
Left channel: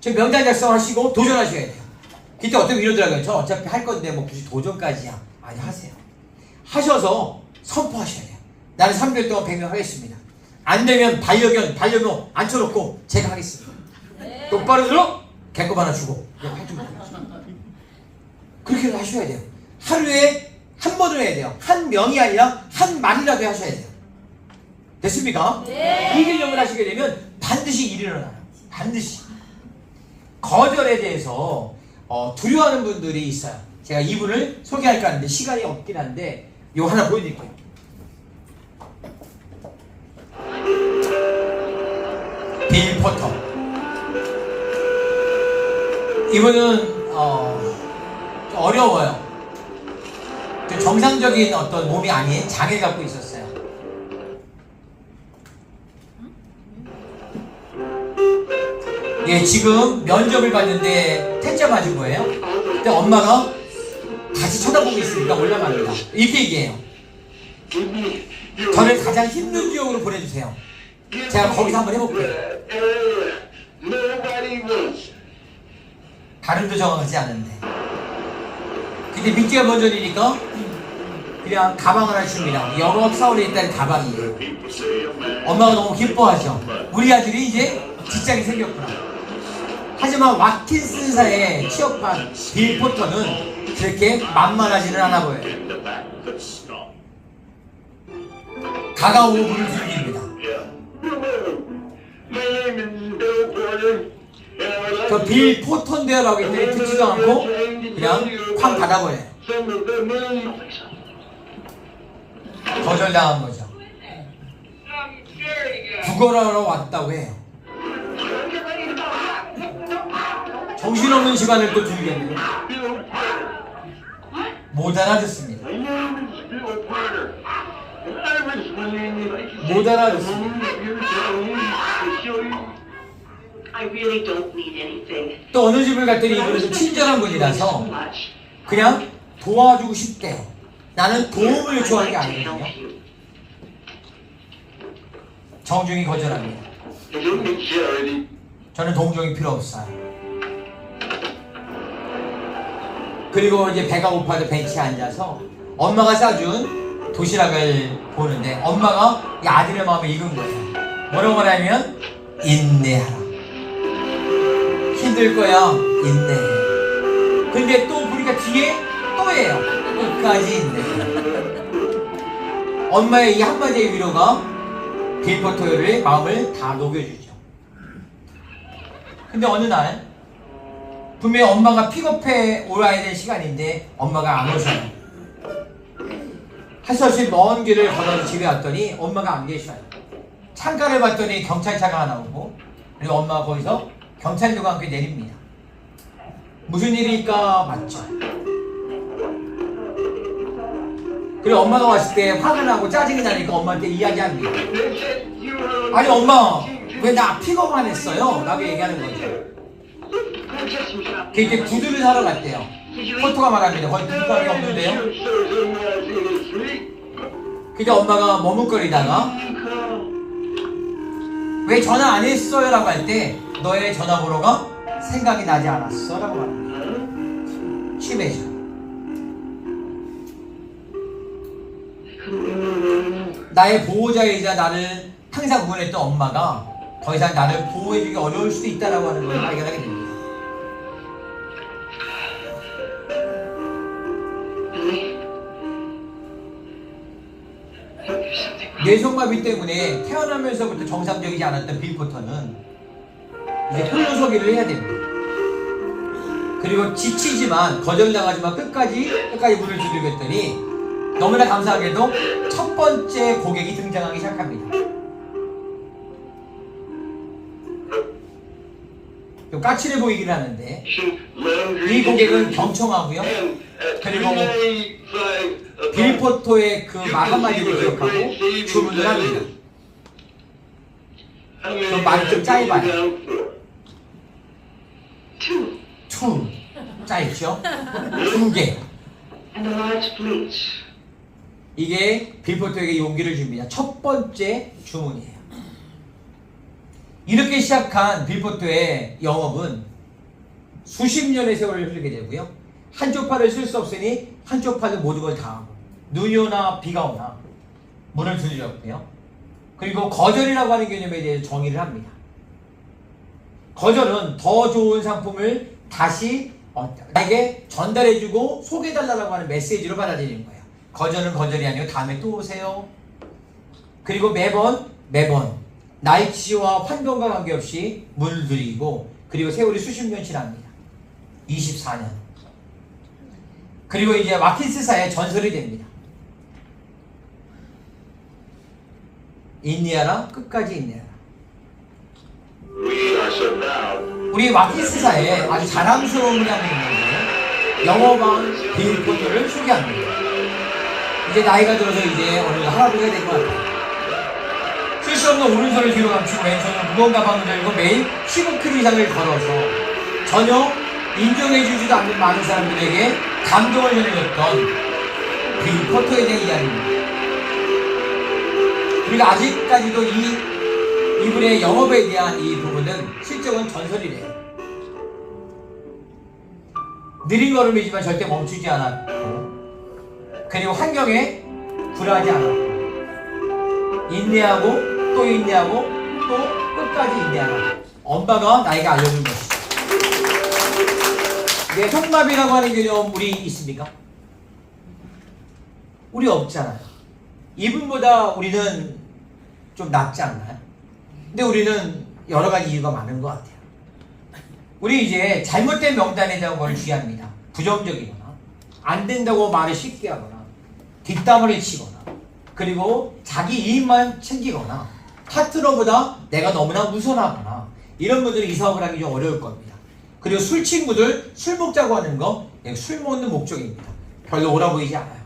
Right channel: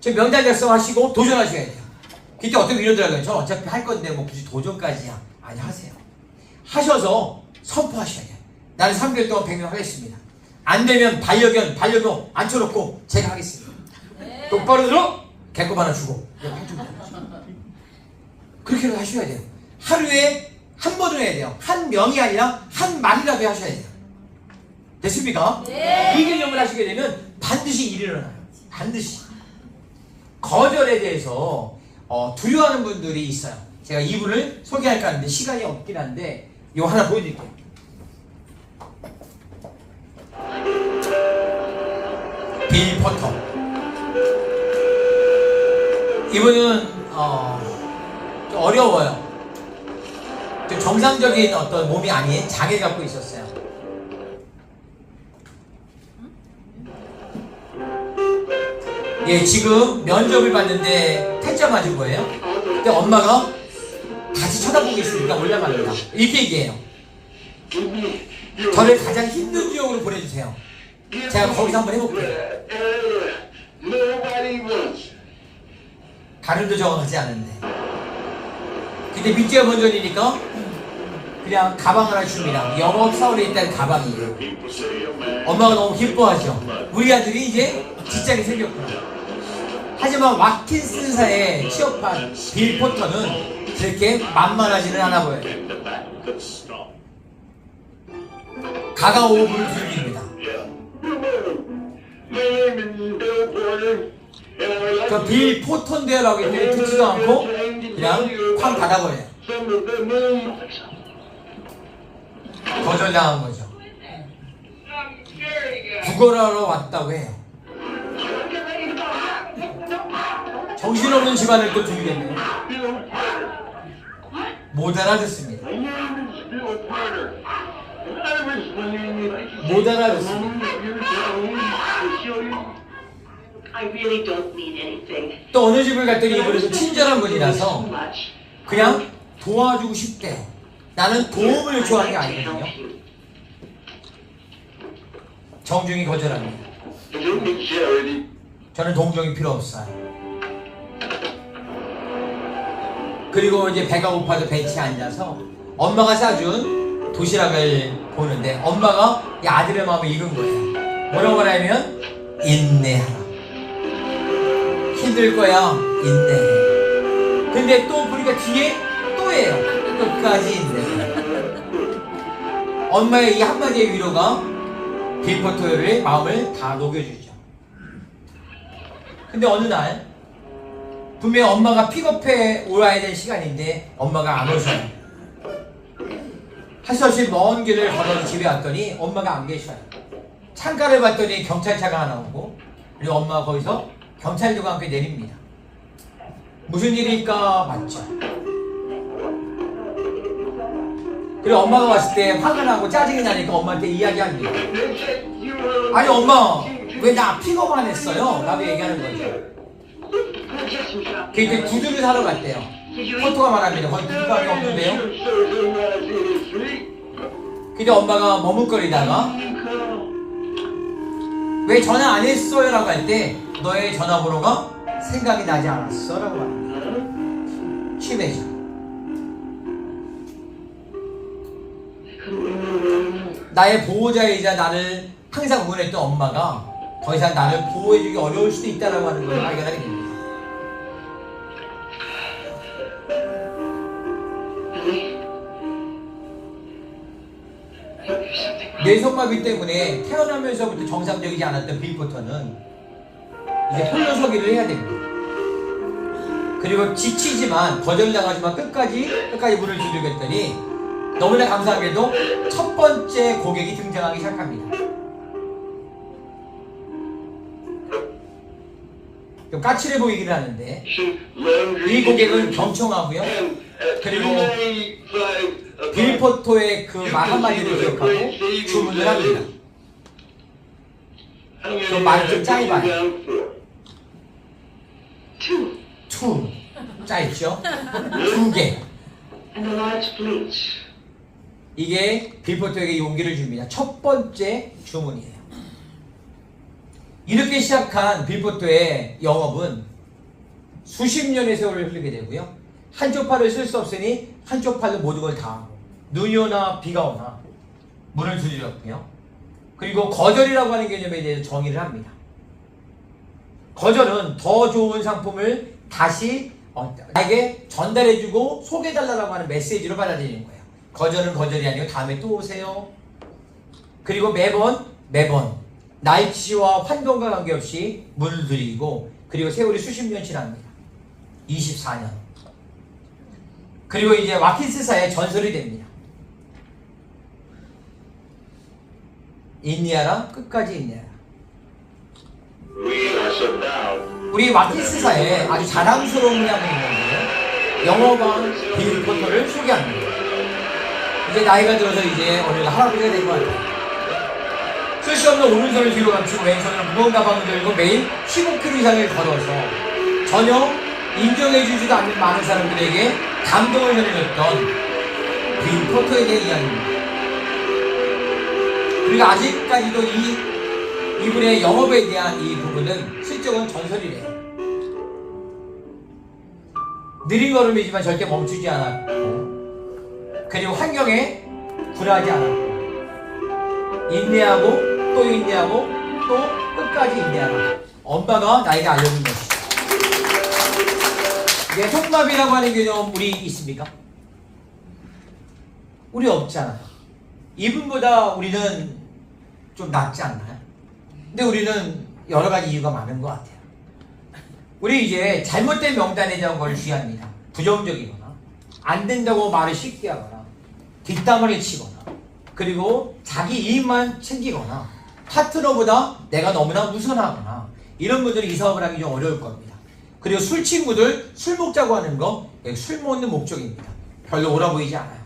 지금 명단 작성하시고 도전하셔야 돼요. 그때 어떻게 이러더라고요. 저 어차피 할 건데 뭐 굳이 도전까지야. 아니, 하세요. 하셔서 선포하셔야 돼요. 나는 3개월 동안 100명 하겠습니다. 안 되면 반려견 앉혀놓고 제가 하겠습니다. 네. 똑바로 들어. 개껌 하나 주고 그렇게 하셔야 돼요. 하루에 한 번을 해야 돼요. 한 명이 아니라 한 말이라도 하셔야 돼요. 됐습니까? 네. 이 개념을 하시게 되면 반드시 일이 일어나요. 반드시. 거절에 대해서 두려워하는 분들이 있어요. 제가 이분을 소개할까 하는데 시간이 없긴 한데 이거 하나 보여드릴게요. 빌 포터. 이분은 좀 어려워요. 좀 정상적인 어떤 몸이 아닌 장애 갖고 있었어요. 예, 지금 면접을 봤는데 퇴짜 맞은 거예요. 근데 엄마가 같이 쳐다보고 있으니까 올라갑니다. 이렇게 얘기해요. 저를 가장 힘든 지역으로 보내주세요. 제가 거기서 한번 해볼게요. 발음도 정확하지 않은데. 근데 밑지가 먼저니까 그냥 가방 하나 줍니다. 영업 사원에 있다는 가방이에요. 엄마가 너무 기뻐하죠. 우리 아들이 이제 직장이 생겼구나. 하지만 와킨슨사에 취업한 빌 포터는 그렇게 만만하지는 않아 보여요. 가까운 5분을 즐깁니다. 그 빌 포터인데요라고 했더니 듣지도 않고 그냥 쾅 닫아버려요. 거절당한 거죠. 구걸하러 왔다고 해요. 정신없는 집안을 또 들겠네요. 못 알아듣습니다. 못 알아듣습니다. 또 어느 집을 갔더니 이분은 좀 친절한 분이라서 그냥 도와주고 싶대요. 나는 도움을 요청한 게 아니거든요. 정중히 거절합니다. 저는 동정이 필요 없어요. 그리고 이제 배가 고파서 벤치에 앉아서 엄마가 싸준 도시락을 보는데 엄마가 이 아들의 마음을 읽은 거예요. 뭐라고 말하면 인내하라. 힘들 거야. 인내해. 근데 또 보니까 뒤에 또 해요. 끝까지 인내해. 엄마의 이 한마디의 위로가 빌 포터의 마음을 다 녹여주죠. 근데 어느 날 분명히 엄마가 픽업해 오라야 될 시간인데 엄마가 안 오셔요. 할 수 없이 먼 길을 걸어서 집에 왔더니 엄마가 안 계셔요. 창가를 봤더니 경찰차가 하나 오고 그리고 엄마가 거기서 경찰들과 함께 내립니다. 무슨 일일까 맞죠? 그리고 엄마가 왔을 때 화가 나고 짜증이 나니까 엄마한테 이야기합니다. 아니 엄마 왜 나 픽업 안 했어요? 라고 얘기하는 거죠. 그때 구두를 사러 갔대요. 포토가 말합니다. 거기 구두가게 없는데요. 근데 엄마가 머뭇거리다가 왜 전화 안 했어요? 라고 할 때 너의 전화번호가 생각이 나지 않았어? 라고 합니다. 취매죠. 나의 보호자이자 나를 항상 응원했던 엄마가 더 이상 나를 보호해주기 어려울 수도 있다라고 하는 걸 발견하게 됩니다. 뇌성마비 때문에 태어나면서부터 정상적이지 않았던 빌 포터는 이제 홀로서기를 해야 됩니다. 그리고 지치지만 거절당하지만 끝까지 문을 두드렸더니 너무나 감사하게도 첫 번째 고객이 등장하기 시작합니다. 좀 까칠해 보이긴 하는데 이 고객은 경청하고요. 그리고 빌 포터의 그 말 한마디를 기억하고 주문을 합니다. 좀 말이 좀 짧아요. 투 짧죠? 2개. 이게 빌 포터에게 용기를 줍니다. 첫 번째 주문이에요. 이렇게 시작한 빌 포터의 영업은 수십 년의 세월을 흐르게 되고요. 한쪽 팔을 쓸 수 없으니 한쪽 팔로 모든 걸 다 하고 눈이 오나 비가 오나 문을 두드렸고요. 그리고 거절이라고 하는 개념에 대해서 정의를 합니다. 거절은 더 좋은 상품을 다시 나에게 전달해주고 소개해달라고 하는 메시지로 받아들이는 거예요. 거절은 거절이 아니고 다음에 또 오세요. 그리고 매번 날씨와 환경과 관계없이 물들이고 그리고 세월이 수십 년 지납니다. 24년. 그리고 이제 와킨스사의 전설이 됩니다. 인디아라 끝까지 인디아라. 우리 와킨스사에 아주 자랑스러운 장면이 있는데 영어방 빌 포터를 소개합니다. 이제 나이가 들어서 이제 어느 할아버지가 된 것 같아요. 쓸 수 없는 오른손을 뒤로 감추고 왼손으로 무거운 가방을 들고 매일 15km 이상을 걸어서 전혀 인정해주지도 않는 많은 사람들에게 감동을 전해줬던 빌 포터에 대한 이야기입니다. 그리고 아직까지도 이분의 영업에 대한 이 부분은 실적은 전설이래요. 느린 걸음이지만 절대 멈추지 않았고 그리고 환경에 불화하지 않았고 인내하고 또 인내하고 또 끝까지 인내하고 엄마가 나에게 알려준 것이죠. 뇌통마비라고 하는 개념 우리 있습니까? 우리 없잖아요. 이분보다 우리는 좀 낫지 않나요? 근데 우리는 여러 가지 이유가 많은 것 같아요. 우리 이제 잘못된 명단에 대한 걸 주의합니다. 부정적이거나 안 된다고 말을 쉽게 하거나 뒷담화를 치거나 그리고 자기 이익만 챙기거나 파트너보다 내가 너무나 우선하거나 이런 분들이 이 사업을 하기 좀 어려울 겁니다. 그리고 술 친구들 술 먹자고 하는 거 술 먹는 목적입니다. 별로 옳아 보이지 않아요.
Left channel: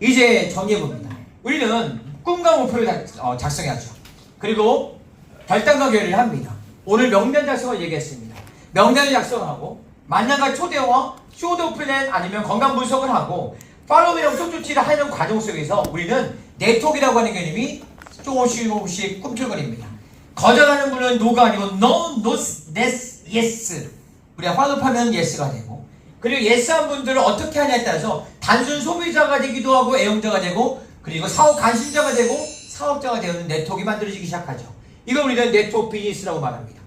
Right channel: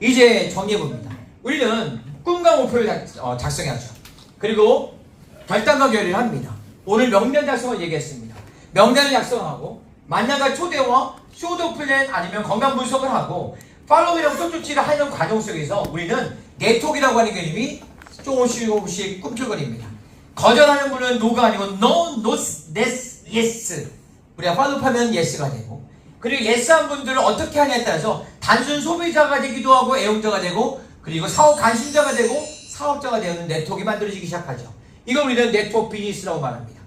이제 정리해봅니다. 우리는 꿈과 목표를 작성해야죠. 그리고 결단과 결의를 합니다. 오늘 명단 작성을 얘기했습니다. 명단을 작성하고 만남과 초대와 쇼도 플랜 아니면 건강 분석을 하고 팔로우 영적 조치를 하는 과정 속에서 우리는 네트워크라고 하는 개념이 조금씩 꿈틀거립니다. 거절하는 분은 노가 아니고 no, no, yes, yes. 우리가 팔로우하면 yes가 되고 그리고 yes한 분들을 어떻게 하냐에 따라서 단순 소비자가 되기도 하고 애용자가 되고 그리고 사업 관심자가 되고 사업자가 되는 네트워크가 만들어지기 시작하죠. 이거 우리는 네트워크 비즈니스라고 말합니다.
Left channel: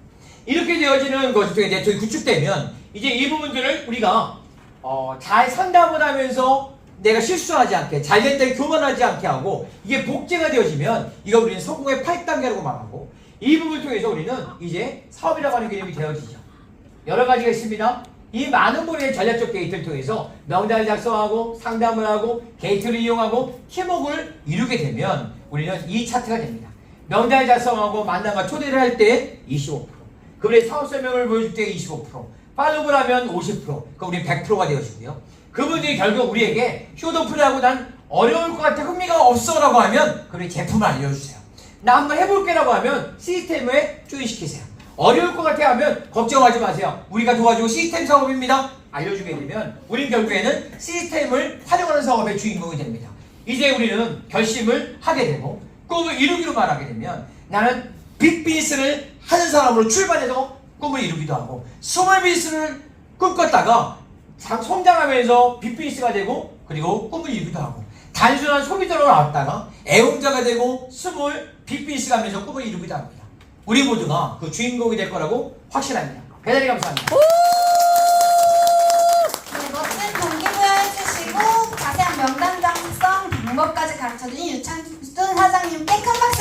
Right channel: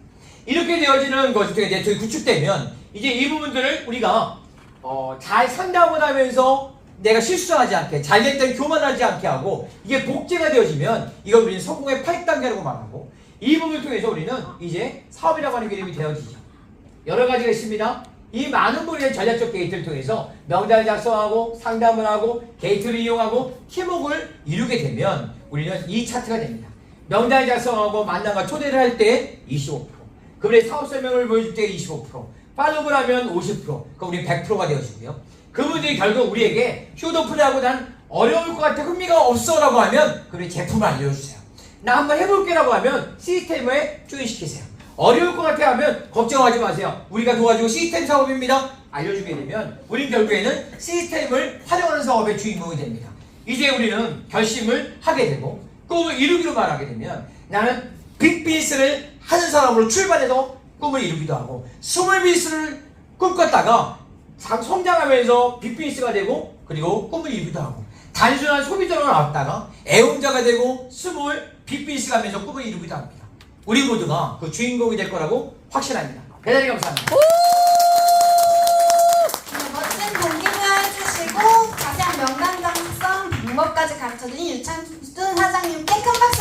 이렇게 되어지는 것이 네트워크가 구축되면 이제 이 부분들을 우리가 잘 상담을 하면서 내가 실수하지 않게 잘됐다고 교만하지 않게 하고 이게 복제가 되어지면 이거 우리는 성공의 8단계라고 말하고 이 부분을 통해서 우리는 이제 사업이라고 하는 개념이 되어지죠. 여러 가지가 있습니다. 이 많은 분의 전략적 게이트를 통해서 명단을 작성하고 상담을 하고 게이트를 이용하고 팀워크를 이루게 되면 우리는 이 차트가 됩니다. 명단을 작성하고 만남과 초대를 할 때 25%, 그분의 사업 설명을 보여줄 때 25%, 팔로우를 하면 50%, 그럼 우리 100%가 되어지고요. 그분들이 결국 우리에게 휴도플레이하고 난 어려울 것 같아 흥미가 없어 라고 하면 그분의 제품을 알려주세요. 나 한번 해볼게 라고 하면 시스템에 조인시키세요. 어려울 것 같아 하면 걱정하지 마세요. 우리가 도와주고 시스템 사업입니다. 알려주게 되면 우린 결국에는 시스템을 활용하는 사업의 주인공이 됩니다. 이제 우리는 결심을 하게 되고 꿈을 이루기로 말하게 되면 나는 빅비즈니스를 하는 사람으로 출발해서 꿈을 이루기도 하고 스몰 비즈니스를 꿈꿨다가 성장하면서 빅비즈니스가 되고 그리고 꿈을 이루기도 하고 단순한 소비자로 나왔다가 애용자가 되고 스몰 빅비즈니스가 하면서 꿈을 이루기도 합니다. 우리 모두가 그 주인공이 될 거라고 확신합니다. 대단히 감사합니다. 네, 멋진 공개를 해주시고 자세한 명단 작성 방법까지 가르쳐주신 유창순 사장님께 큰 박수